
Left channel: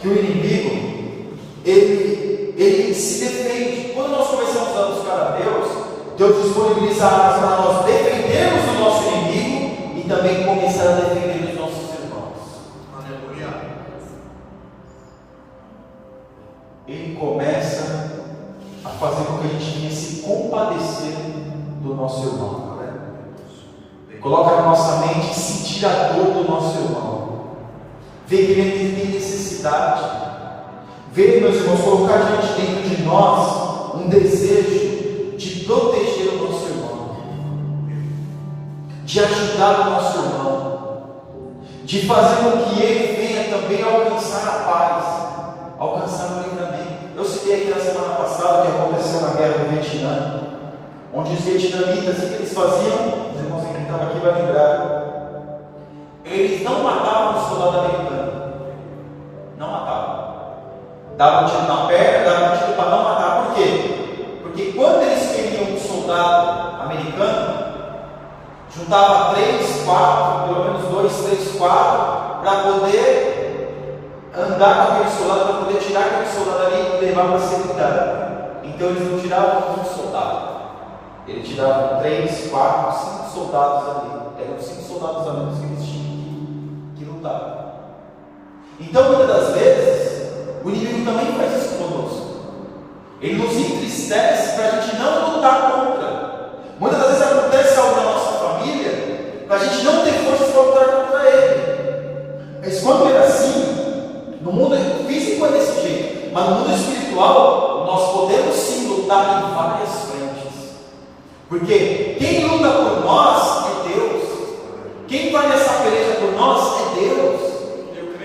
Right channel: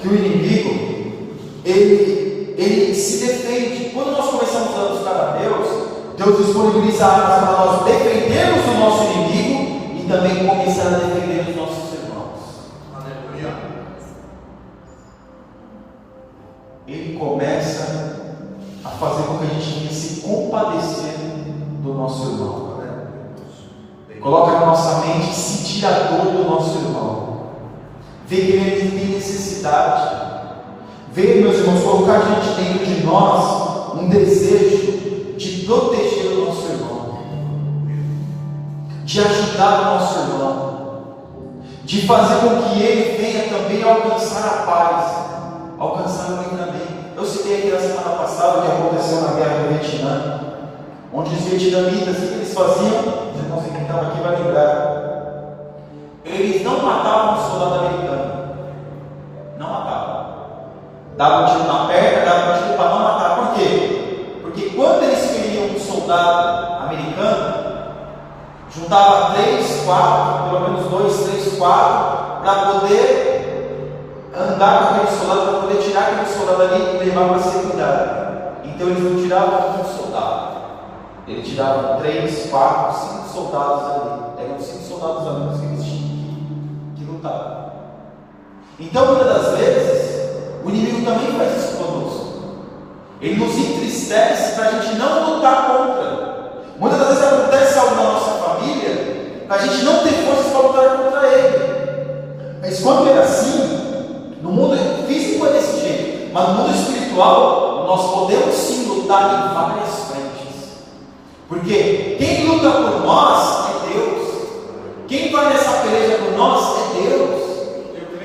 que o inimigo ele se defende. Quando nós começamos a buscar a Deus, Deus disponibiliza armas para nós defendermos o nosso inimigo e também começar a defender os nossos irmãos. Aleluia. Ele começa a fazer com que a gente tenha que se compadecer do nosso irmão. Coloca na nossa mente sentir a dor do nosso irmão. Ver que ele tem necessidade. Ver, meus irmãos, colocar diante dentro de nós um desejo de proteger o nosso irmão, de ajudar o nosso irmão, de fazer com que ele venha também alcançar a paz, alcançar o livramento. Eu citei aqui na semana passada o que aconteceu na guerra do Vietnã, onde os vietnamitas, o que eles faziam? Os irmãos que estavam aqui vão lembrar. Eles não matavam o soldado americano. Não matavam. Davam um tiro na perna, davam um tiro para não matar. Por quê? Porque quando eles feriam um soldado americano, juntava 3, 4, pelo menos 2, 3, 4, para poder andar com aquele soldado, para poder tirar aquele soldado ali e levar para ser cuidado. Então eles não tiravam um soldado. Ele tirava 3, 4, 5 soldados ali. Eram 5 soldados ali que eles tinham que lutar. Então, muitas das vezes, o inimigo também faz isso conosco. Ele nos entristece para a gente não lutar contra. Muitas das vezes acontece algo na nossa família, para a gente não ter forças para lutar contra ele. Mas quando é assim, no mundo físico é desse jeito, mas no mundo espiritual, nós podemos sim lutar em várias frentes. Porque quem luta por nós é Deus. Quem vai nessa peleja por nós é Deus.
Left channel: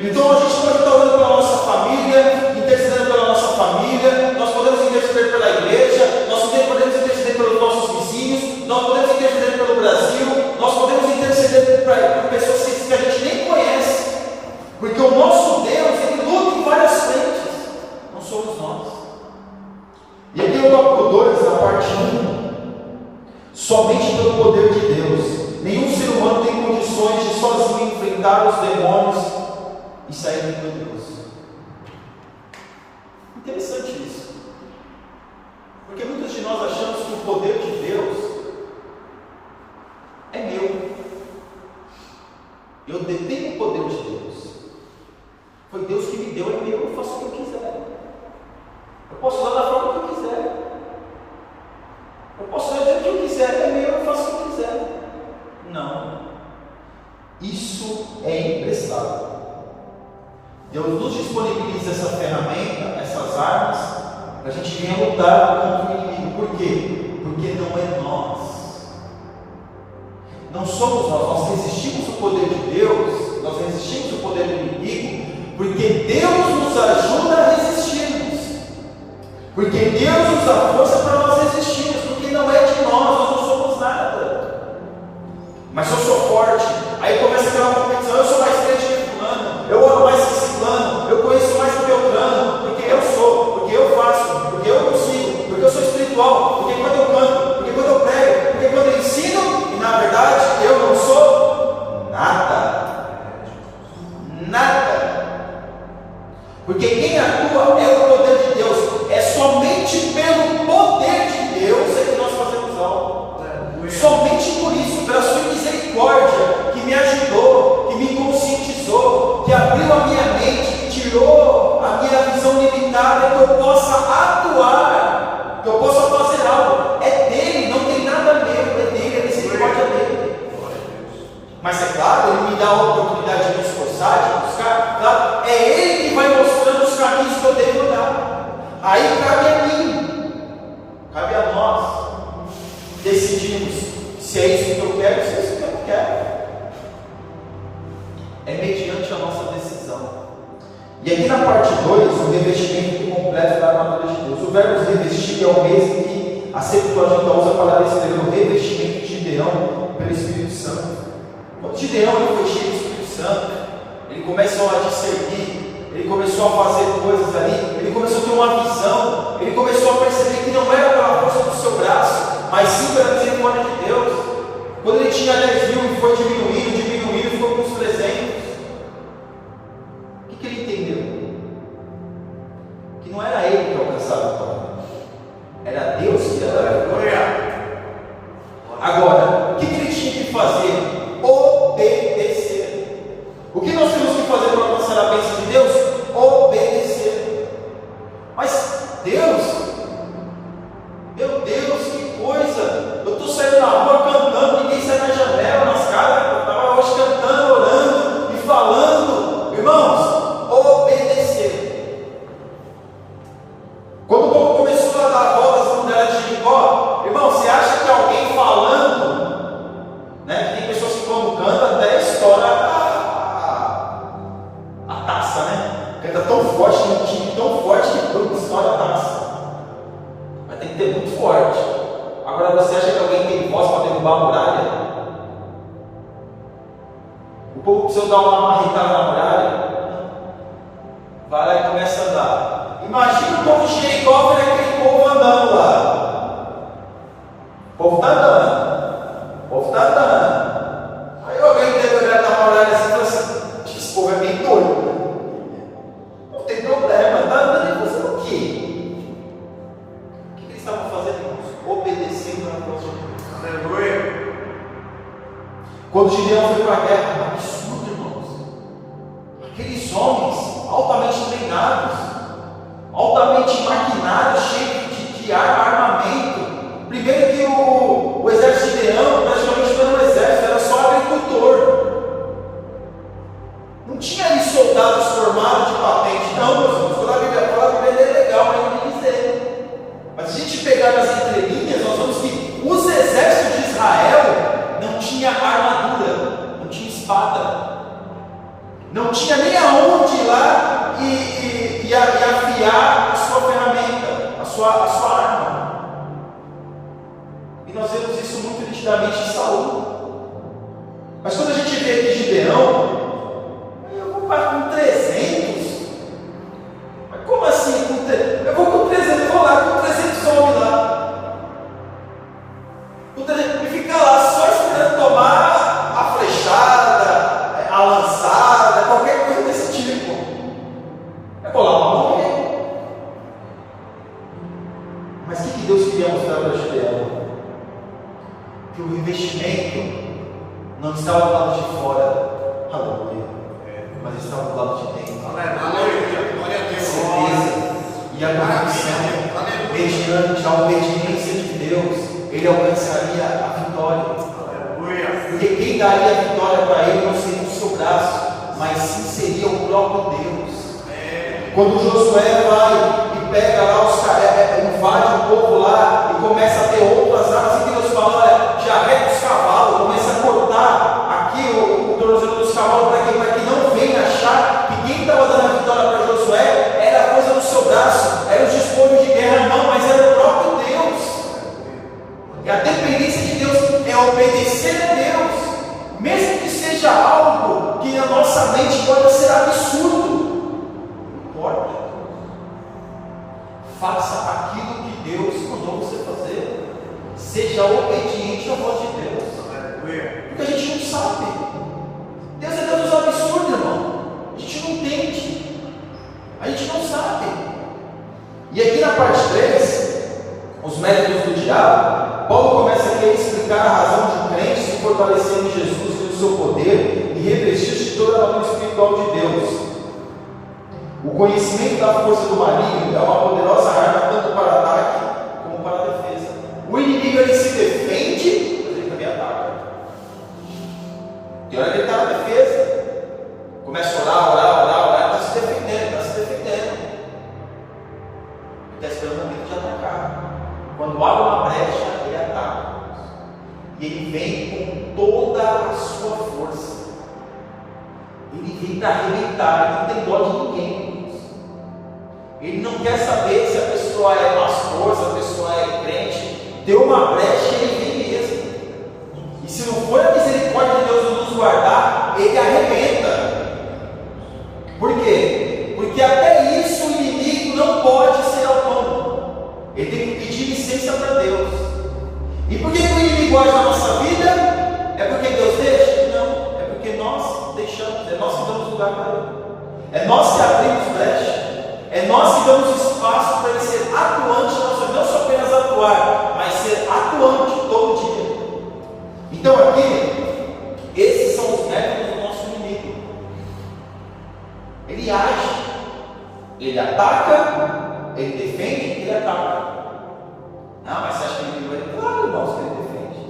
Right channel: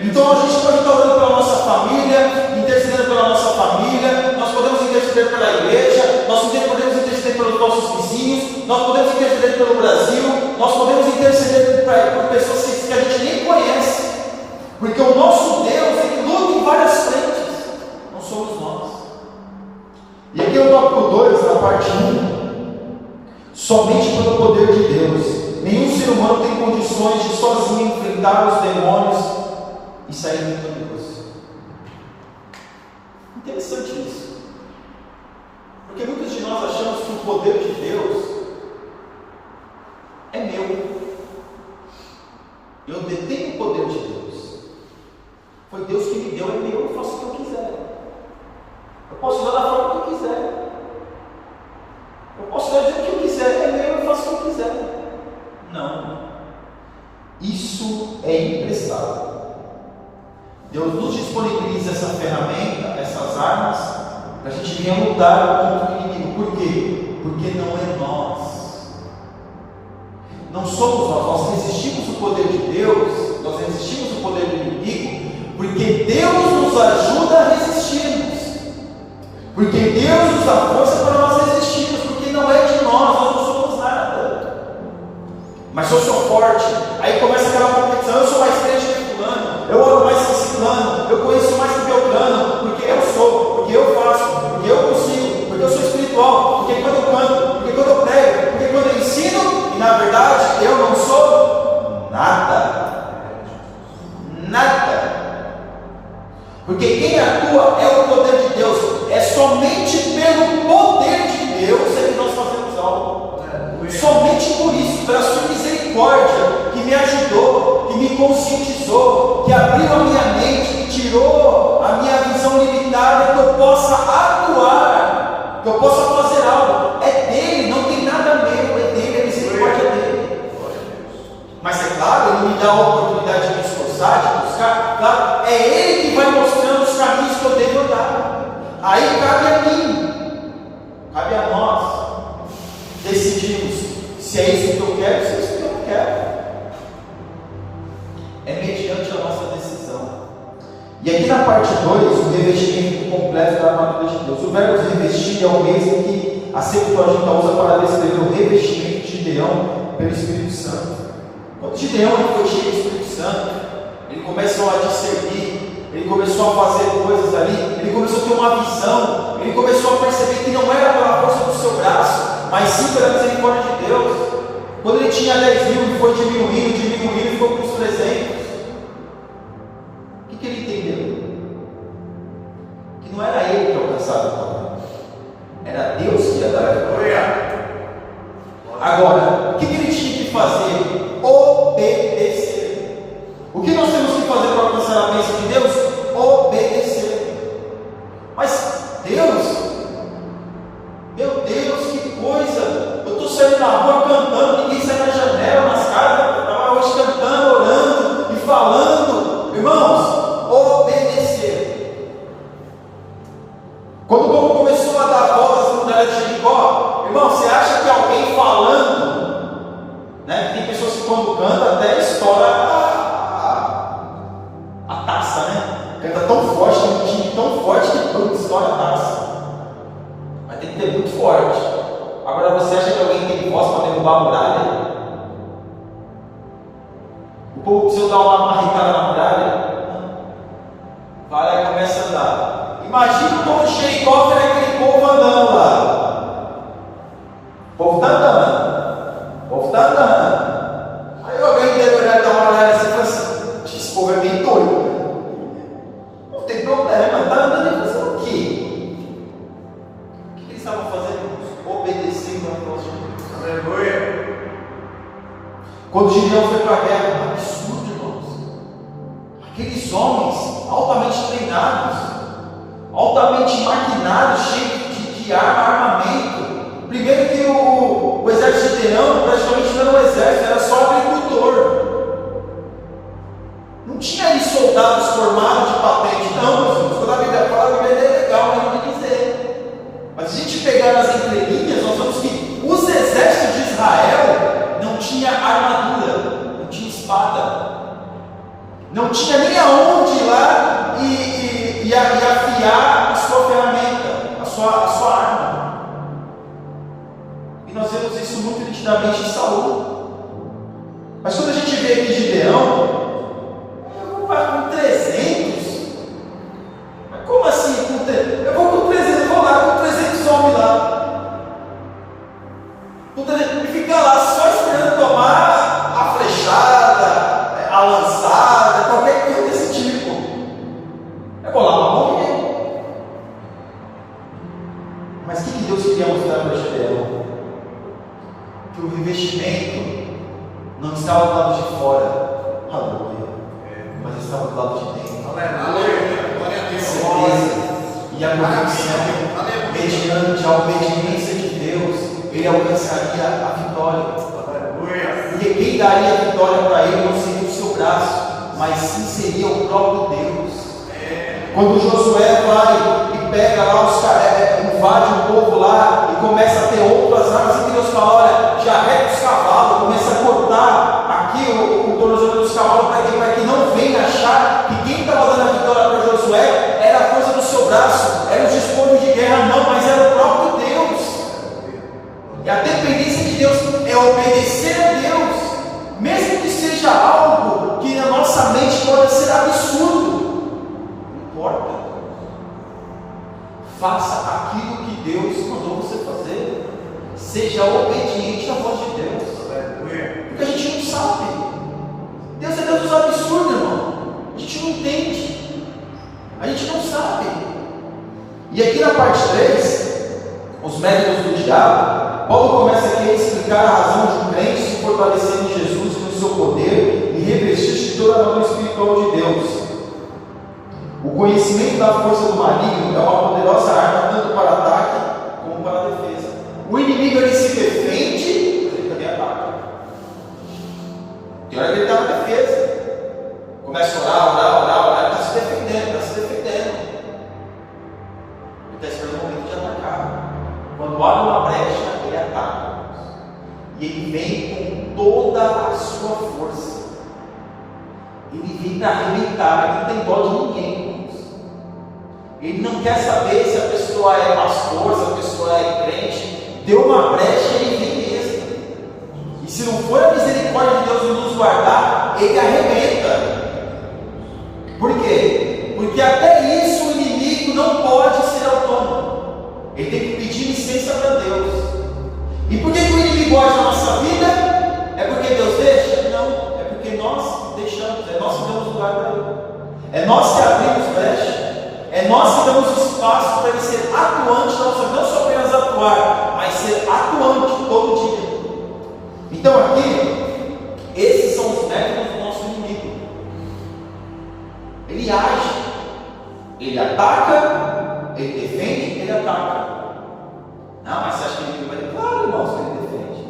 Então a gente pode estar orando pela nossa família, intercedendo pela nossa família, nós podemos interceder pela igreja, nós podemos interceder pelos nossos vizinhos, nós podemos interceder pelo Brasil, nós podemos interceder por pessoas que a gente nem conhece. Porque o nosso Deus, ele luta em várias frentes, não somos nós. E aqui no tópico 2, na parte 1. Somente pelo poder de Deus. Nenhum ser humano tem condições de sozinho enfrentar os demônios e sair vitorioso. Interessante isso. Porque muitos de nós achamos que o poder de Deus é meu. Eu detenho o poder de Deus. Foi Deus que me deu, é meu, eu faço o que eu quiser. Eu posso usar da forma que eu quiser. Eu posso dizer o que eu quiser, é meu, eu faço o que eu quiser. Não. Isso é emprestado. Deus nos disponibiliza essa ferramenta, essas armas, para a gente venha lutar contra o inimigo. Por quê? Porque não é nós. Não somos nós resistimos o poder de Deus, nós resistimos o poder do inimigo, porque Deus nos ajuda a resistirmos, porque Deus nos dá força para nós resistirmos, porque não é de nós não somos nada. Mas se eu sou forte, aí começa aquela competição, eu sou mais crente que fulano, eu amo mais que ciclano, eu conheço mais que Beltrano, porque eu sou, porque eu faço, porque eu consigo, porque eu sou espiritual, porque quando eu canto, porque quando eu prego, porque quando eu ensino, e na verdade eu não sou nada. Nada. Porque quem atua é o poder de Deus. É somente pelo poder de Deus é que nós fazemos algo. Somente por isso, pela sua misericórdia, que me ajudou, que me conscientizou, que abriu a minha mente, que tirou a minha visão limitada, que eu possa atuar, que eu possa fazer algo. É dele, não tem nada meu, é dele, a misericórdia é dele. Mas é claro, ele me dá a oportunidade de me esforçar, de buscar. Claro, é ele que vai mostrando os caminhos que eu devo dar. Aí cabe a mim, cabe a nós decidirmos se é isso que eu quero, se é isso que eu não quero. É mediante a nossa decisão. E aqui na parte 2, o revestimento completo da armadura de Deus. O verbo revestir é o mesmo que a Septuaginta usa para descrever o revestimento de Gideão pelo Espírito Santo. Quando Gideão foi cheio do Espírito Santo, ele começou a discernir, ele começou a fazer coisas ali, ele começou a ter uma visão, ele começou a perceber que não era pela força do seu braço, mas sim pela misericórdia de Deus. Quando ele tinha 10 mil e foi diminuindo, e ficou com os 300. O que ele entendeu? Que não era ele que alcançava a vitória, era Deus que ia dar a vitória. Agora, o que ele tinha que fazer? Obedecer. O que nós temos que fazer para alcançar a bênção de Deus? Obedecer. Mas Deus, meu Deus, que coisa! Eu estou saindo na rua cantando, ninguém sai na janela, nas casas. Eu estava hoje cantando, orando e falando. Irmãos, obedecer. Quando o povo começou a dar voltas na muralha de Jericó, irmão, você acha que alguém falando, né? Tem pessoas que quando canta até estoura a taça, né? Canta tão forte, tem um time tão forte que quando estoura a taça. Mas tem que ter muito forte. Agora você acha que alguém tem voz para derrubar a muralha? O povo precisou dar uma marretada na muralha? Vai lá e começa a andar. Imagina o povo de Jericó vendo aquele povo andando lá. O povo está andando. O povo está andando. Aí alguém deve olhar da muralha assim e falar assim: esse povo é bem doido. Não tem problema, está andando e fazer o quê? O que eles estavam fazendo, irmãos? Obedecendo a voz de Deus. Aleluia. Quando Gideão foi para a guerra, um absurdo, irmãos. Aqueles homens altamente treinados, altamente maquinados, cheios de armamento. Primeiro que o exército de Gideão praticamente não era um exército, era só agricultor. Não tinha ali soldados formados de patente, não, meus irmãos. Quando a Bíblia fala, a Bíblia é legal, mas não me dizer. Mas se a gente pegar nas entrelinhas, nós vemos que os exércitos de Israel não tinha armadura, não tinha espada, não tinha nem aonde ir lá e afiar a sua ferramenta, a sua arma. E nós vemos isso muito nitidamente em Saul. Mas quando a gente vê aqui Gideão, eu vou com 300. Mas como assim? Eu vou com 300, eu vou lá com 300 homens lá. E ficar lá só esperando tomar a flechada, a lançada, qualquer coisa desse tipo. Eu vou lá para morrer. Mas o que Deus queria mostrar para Gideão? Que o investimento não estava do lado de fora, aleluia, mas estava do lado de dentro. Aleluia, glória a Deus. Certeza e a convicção, mediante a obediência de Deus, ele alcançaria a vitória. Aleluia. Porque quem daria a vitória para ele não seria o seu braço, mas sim seria o próprio Deus. Quando Josué vai e pega lá os caras, invade o povo lá e começa a ter outras armas, e Deus fala: olha, já arreta os cavalos, começa a cortar aqui o tornozelo dos cavalos para que não venha achar que quem estava dando a vitória para Josué era a coisa do seu braço, eram os despojos de guerra, não, mas era o próprio Deus. E a dependência de Deus é obedecer a Deus, mesmo que seja algo que na nossa mente pode ser absurdo, não importa. Faça aquilo que Deus mandou você fazer. Seja obediente à voz de Deus. Porque a gente não sabe. Deus é Deus dos absurdos, irmão. A gente não entende. A gente não sabe. E aqui na parte 3, os métodos do diabo, Paulo começa aqui a explicar a razão de um crente se fortalecer em Jesus e no seu poder e revestir-se de toda a armadura espiritual de Deus. O conhecimento da força do maligno é uma poderosa arma tanto para ataque como para defesa. O inimigo ele se defende, mas ele também ataca. Tem hora que ele está na defesa. Começa a orar, ele está se defendendo. Ele está esperando o momento de atacar. Quando abre uma brecha, ele ataca. E ele vem com toda a sua força. Ele vem para arrebentar, ele não tem dó de ninguém. Ele não quer saber se a pessoa é pastor, se a pessoa é crente. Deu uma brecha e ele vem mesmo. E se não for a misericórdia de Deus nos guardar, ele arrebenta. Por quê? Porque até isso o inimigo não pode ser autônomo. Ele tem que pedir licença para Deus. E por que o inimigo age na nossa vida? É porque Deus deixa? Não, é porque nós deixamos, é nós que damos lugar para Deus. É nós que abrimos brecha. É nós que damos espaço para ele ser atuante, não só apenas atuar, mas ser atuante todo dia. Então aqui, esses são os métodos do nosso inimigo. Ele age, ele ataca, ele defende, ele ataca. Não, mas você acha que o inimigo vai? Claro, irmãos, que ele defende.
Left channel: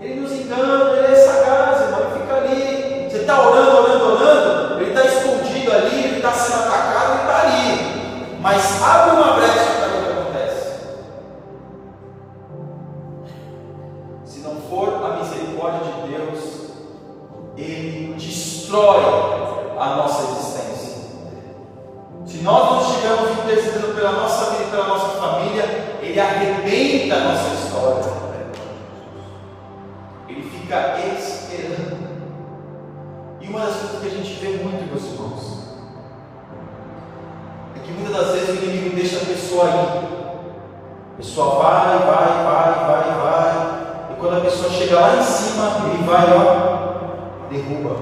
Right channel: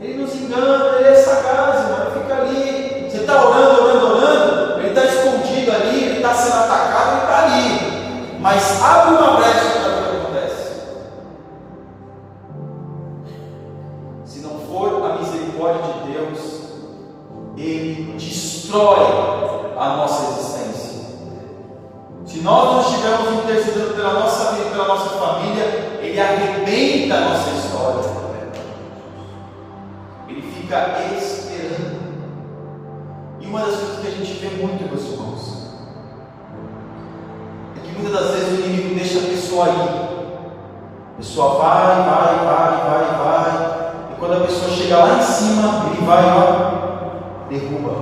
Ele nos engana, ele é sagaz, irmão, ele fica ali. Você está orando, ele está escondido ali, ele está sendo atacado, ele está ali. Mas abre uma brecha para ver o que acontece. Se não for a misericórdia de Deus, ele destrói a nossa existência. Se nós não estivermos intercedendo pela nossa vida e pela nossa família, ele arrebenta a nossa história. Ele fica esperando. E uma das coisas que a gente vê muito, meus irmãos, é que muitas das vezes o inimigo deixa a pessoa ir. A pessoa vai. E quando a pessoa chega lá em cima, ele vai derruba.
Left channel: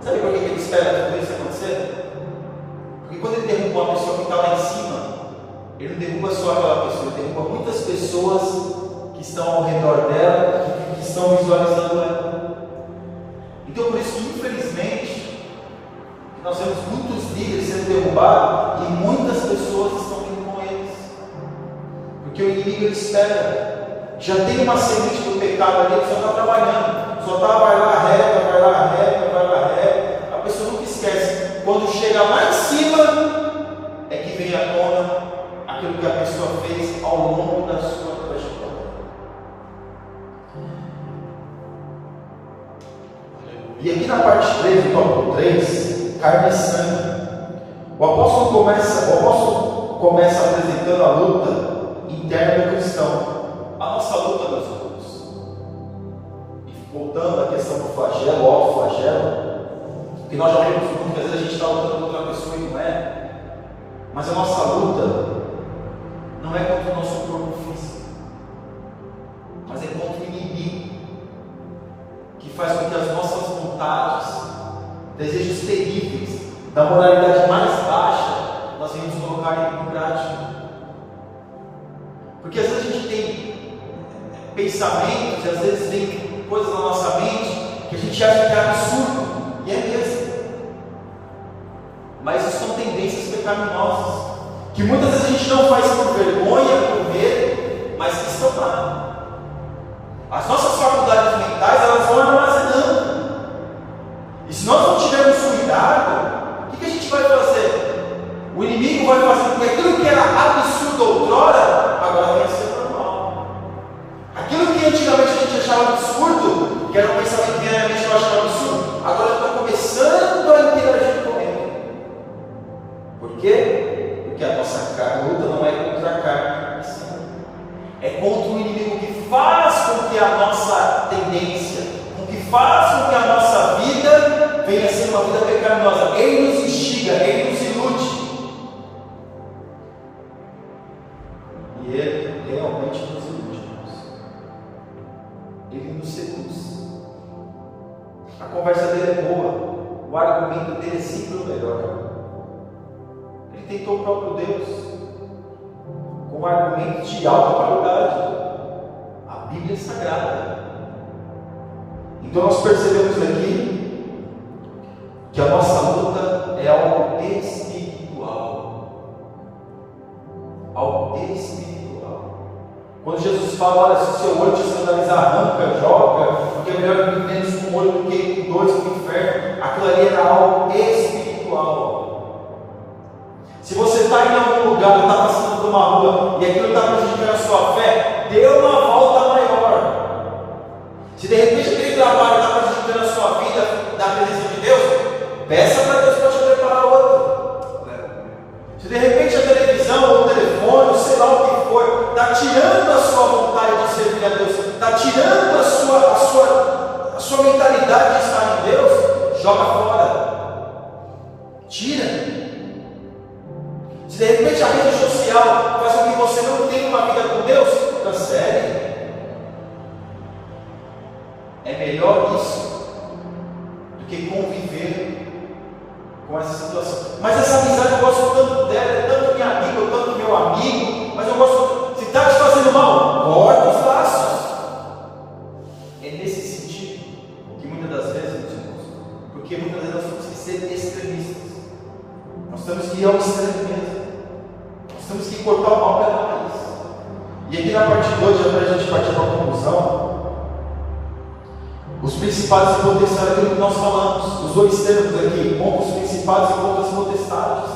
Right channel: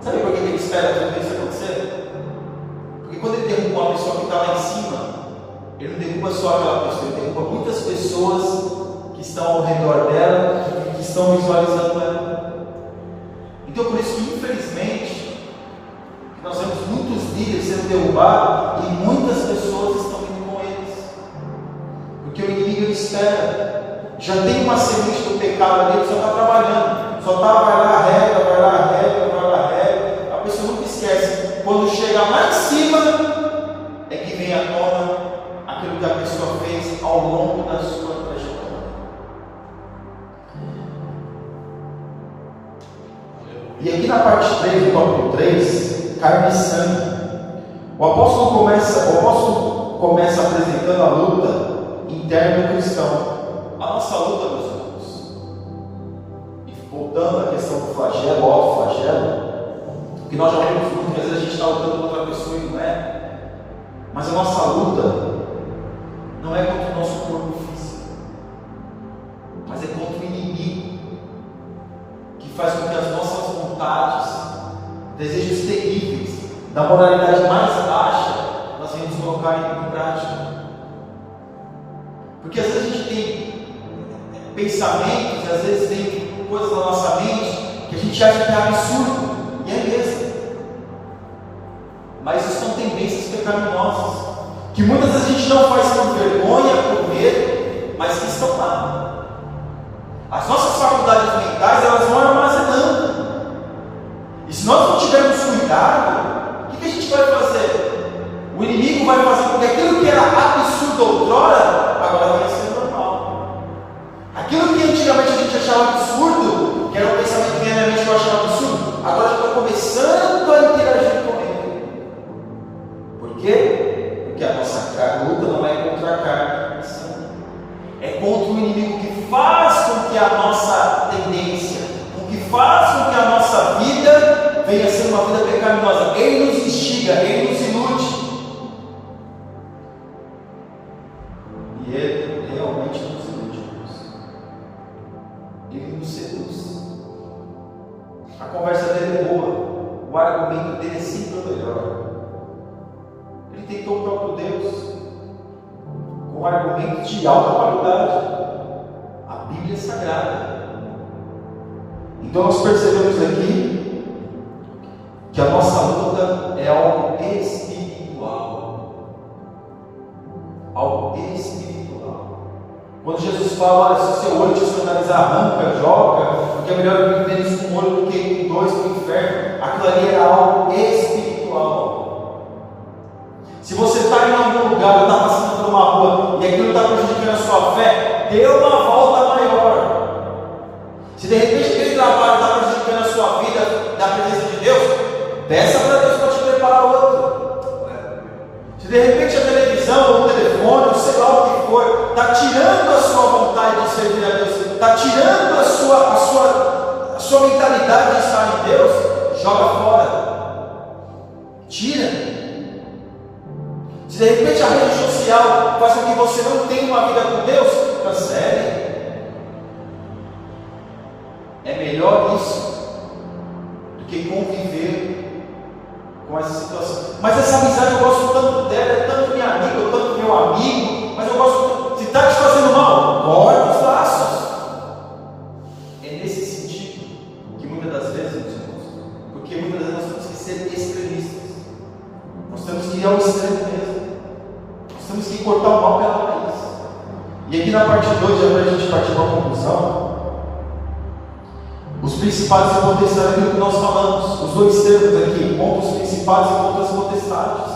Sabe por que ele espera tudo isso acontecer? Porque quando ele derruba uma pessoa que está lá em cima, ele não derruba só aquela pessoa, ele derruba muitas pessoas que estão ao redor dela, que estão visualizando ela. Então, por isso que, infelizmente, nós vemos muitos líderes sendo derrubados e muitas pessoas estão indo com eles. Porque o inimigo ele espera. Já tem uma semente do pecado ali, ele só está trabalhando. Só está, vai lá, rega. A pessoa nunca esquece. Quando chega lá em cima, é que vem à tona aquilo que a pessoa fez ao longo da sua trajetória. E aqui na parte 3, do tópico 3, carne e sangue. O apóstolo começa apresentando a luta interna do cristão. A nossa luta, meus irmãos, e voltando à questão do flagelo, autoflagelo, que nós já vemos muito, que às vezes a gente está lutando contra outra pessoa e não é. Mas a nossa luta não é contra o nosso corpo físico, mas é contra o inimigo, que faz com que as nossas vontades, desejos terríveis, da moralidade mais baixa, nós venhamos colocar em prática. Porque às vezes a gente tem pensamentos, e às vezes tem coisas na nossa mente que a gente acha que é absurdo, e é mesmo. Mas isso são tendências pecaminosas, que muitas vezes a gente não faz por vergonha, por medo, mas que estão lá. As nossas faculdades mentais, elas vão armazenando. E se nós não tivermos cuidado, o que a gente vai fazer? O inimigo vai fazer com que aquilo que era absurdo outrora, agora vai ser normal. Aquilo que antigamente a gente achava absurdo, que era um pensamento que na mente que eu achava absurdo, agora já está começando a interagir com ele. Por quê? Porque a nossa luta não é contra a carne, é contra o inimigo que faz com que a nossa tendência, com que faz com que a nossa vida venha a ser uma vida pecaminosa. Ele nos instiga, ele nos ilude. E ele realmente nos ilude. Ele nos seduz. A conversa dele é boa, o argumento dele é sempre o melhor. Ele tentou o próprio Deus com um argumento de alta qualidade, a Bíblia Sagrada. Então nós percebemos aqui que a nossa luta é algo espiritual. Algo espiritual. Quando Jesus fala, olha, se o seu olho te escandalizar, arranca, joga, porque é melhor viver com um olho do que com dois para o inferno, aquilo ali era algo espiritual. Se você está em algum lugar, está passando por uma rua e aquilo está prejudicando a sua fé, dê uma volta maior. Se de repente aquele trabalho está prejudicando a sua vida na presença de Deus, peça para Deus para te preparar outro. Se de repente a televisão, ou o telefone, ou sei lá o que for, está tirando a sua vontade de servir a Deus, está tirando a sua mentalidade de estar em Deus, joga fora. Tira. Se de repente a rede social faz com que você não tenha uma vida com Deus, cancele. É melhor isso do que conviver com essa situação. Mas essa amizade eu gosto tanto dela, é tanto minha amiga, ou tanto meu amigo, mas eu gosto. Se está te fazendo mal, corta os laços. É nesse sentido que muitas das vezes, meus irmãos, porque muitas vezes nós temos que ser extremistas. Nós temos que ir ao extremo mesmo. Nós temos que cortar o mal pela raiz. E aqui na parte 2, já para a gente partir para a conclusão, os principados e potestades, aquilo que nós falamos, os dois termos aqui, contra os principados e contra as potestades.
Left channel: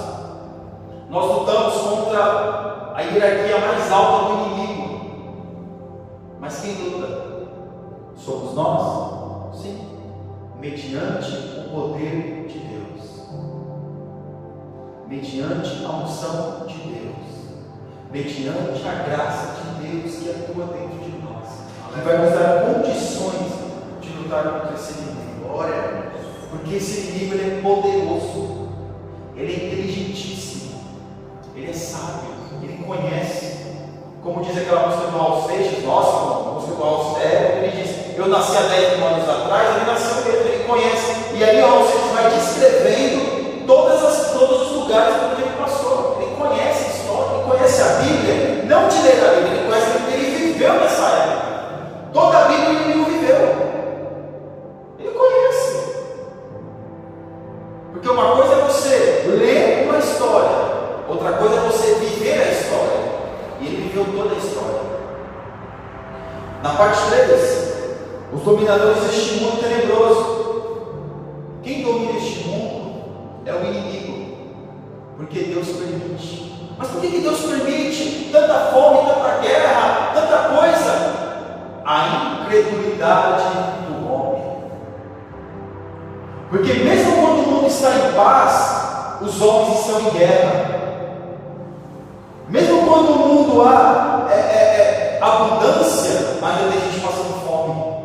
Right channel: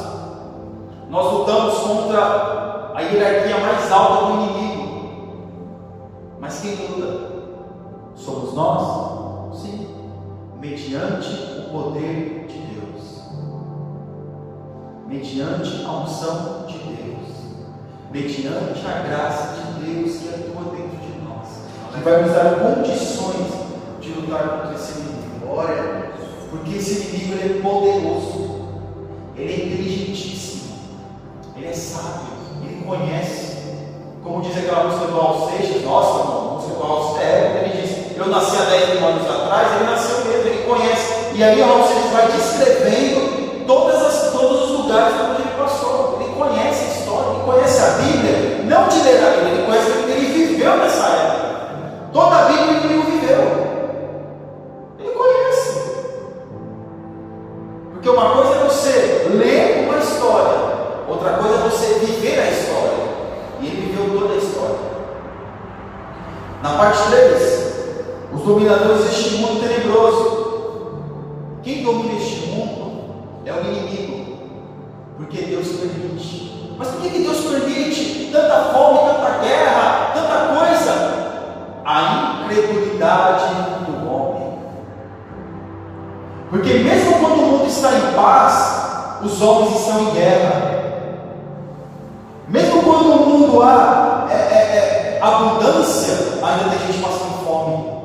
Nós lutamos contra a hierarquia mais alta do inimigo. Mas quem luta? Somos nós? Sim. Mediante o poder de Deus. Mediante a unção de Deus, mediante a graça de Deus que atua dentro de nós, que vai nos dar condições de lutar contra esse inimigo. Glória a Deus. Porque esse inimigo ele é poderoso, ele é inteligentíssimo, ele é sábio, ele conhece. Como diz aquela música do Raul Seixas, nossa, a música do Raul Seixas, quando ele diz, eu nasci há 10 mil anos atrás, ele nasceu mesmo, ele conhece. E aí o Raul Seixas vai descrevendo todos os lugares onde ele passou. Ele conhece a história, ele conhece a Bíblia, não de ler a Bíblia, ele conhece porque ele viveu nessa época. Toda a Bíblia ele não viveu. Ele conhece. Porque uma coisa é você ler uma história, outra coisa é você viver a história. E ele viveu toda a história. Na parte 3, os dominadores deste mundo tenebroso. Quem domina este mundo é o inimigo, porque Deus permite. Mas por que Deus permite tanta fome, tanta guerra, tanta coisa? A incredulidade do homem. Porque mesmo quando o mundo está em paz, os homens estão em guerra. Mesmo quando no mundo há abundância, ainda tem gente passando fome.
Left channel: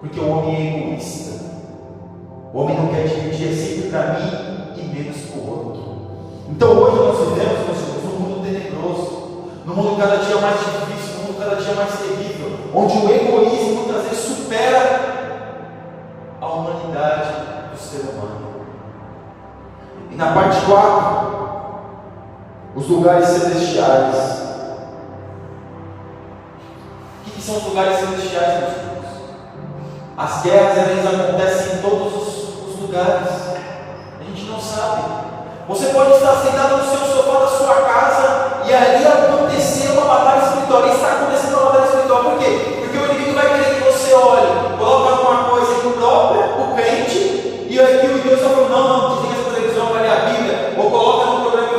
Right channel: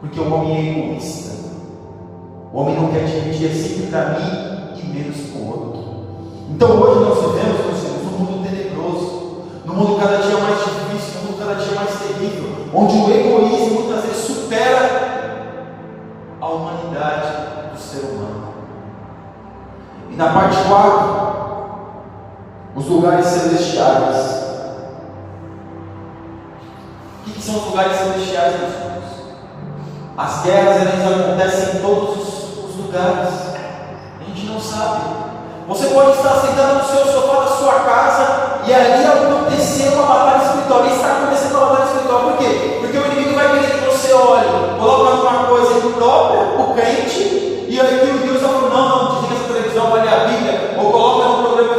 Porque o homem é egoísta. O homem não quer dividir, é sempre para mim e menos para o outro. Então hoje nós vivemos, meus irmãos, num mundo tenebroso, num mundo cada dia mais difícil, num mundo cada dia mais terrível, onde o egoísmo muitas vezes supera a humanidade do ser humano. E na parte 4, os lugares celestiais. O que são os lugares celestiais, meus irmãos? As guerras elas acontecem em todos os lugares. A gente não sabe. Você pode estar sentado no seu sofá da sua casa e ali acontecer uma batalha espiritual. E está acontecendo uma batalha espiritual. Por quê? Porque o inimigo vai querer que você olhe, coloque alguma coisa imprópria, o crente, e aqui o Deus está falando, não, desliga essa televisão, vai ler a Bíblia, ou coloca no programa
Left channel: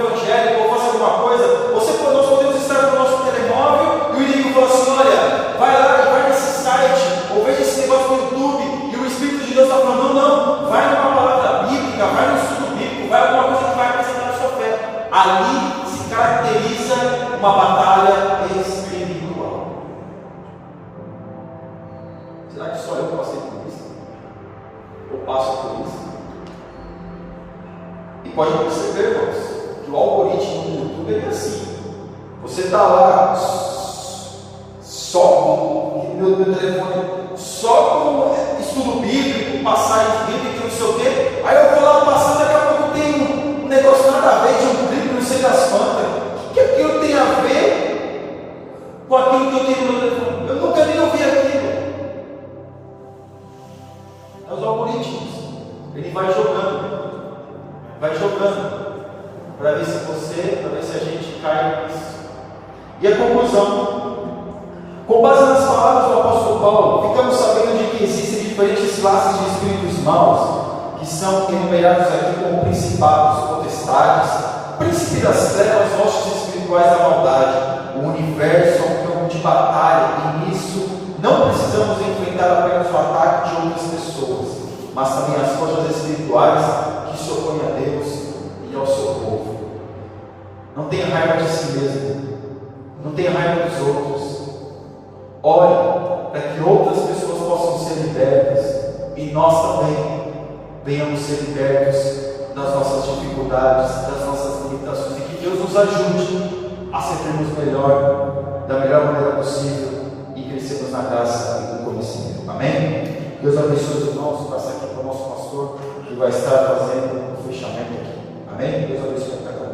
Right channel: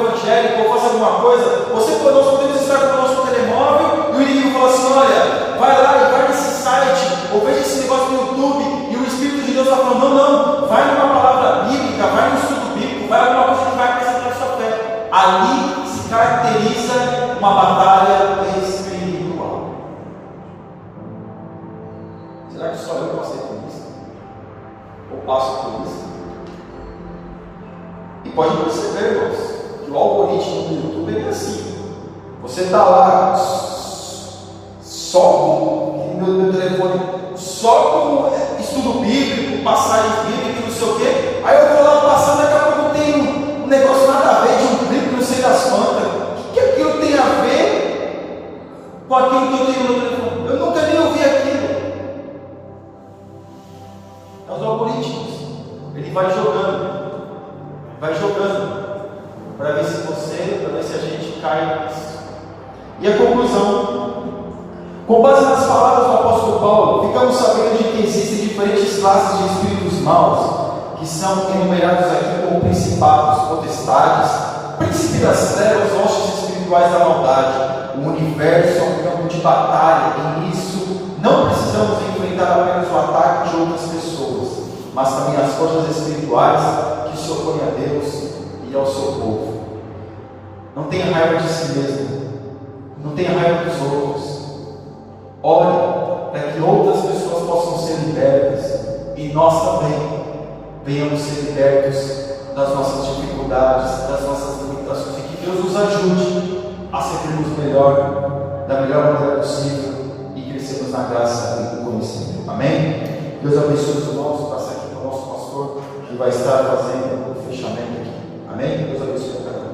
pode perceber, irmãos, que o algoritmo do YouTube é assim. Você está lá, só com meu telefone, só com estudo bíblico, passagens bíblicas, não sei o quê. Aí eu vou lá passando, daqui a pouco tem um negócio nada a ver de um livro, não sei das quantas. O que aquilo tem a ver com aquilo que eu tenho no meu telefone? Eu nunca nem ouvi aquilo. É os algoritmos. Ele vai jogando, para ver se a gente cai nisso. E a conclusão: com base nas palavras do apóstolo Paulo, ficamos sabendo de que existem diferentes classes de espíritos maus, que são enumerados aqui como principados, potestades, príncipe das trevas, hostes espirituais da maldade. O universo é um campo de batalha, e nisso não precisamos enfrentar apenas o ataque de outras pessoas, mas também as forças espirituais que se opõem a Deus e ao seu povo. Não tenha raiva de si mesmo, não tenha raiva dos outros. Ore para que outras pessoas possam ser libertas e nós também venhamos ser libertos das nossas dificuldades, das nossas limitações, e que Deus nos ajude a servirmos melhor, da melhor maneira possível, e crescermos na graça e no conhecimento. Amém? Deus abençoe os irmãos. Passa aqui para o nosso pastor, que vai estar fazendo o fechamento aqui. Amém? Deus abençoe a cada um.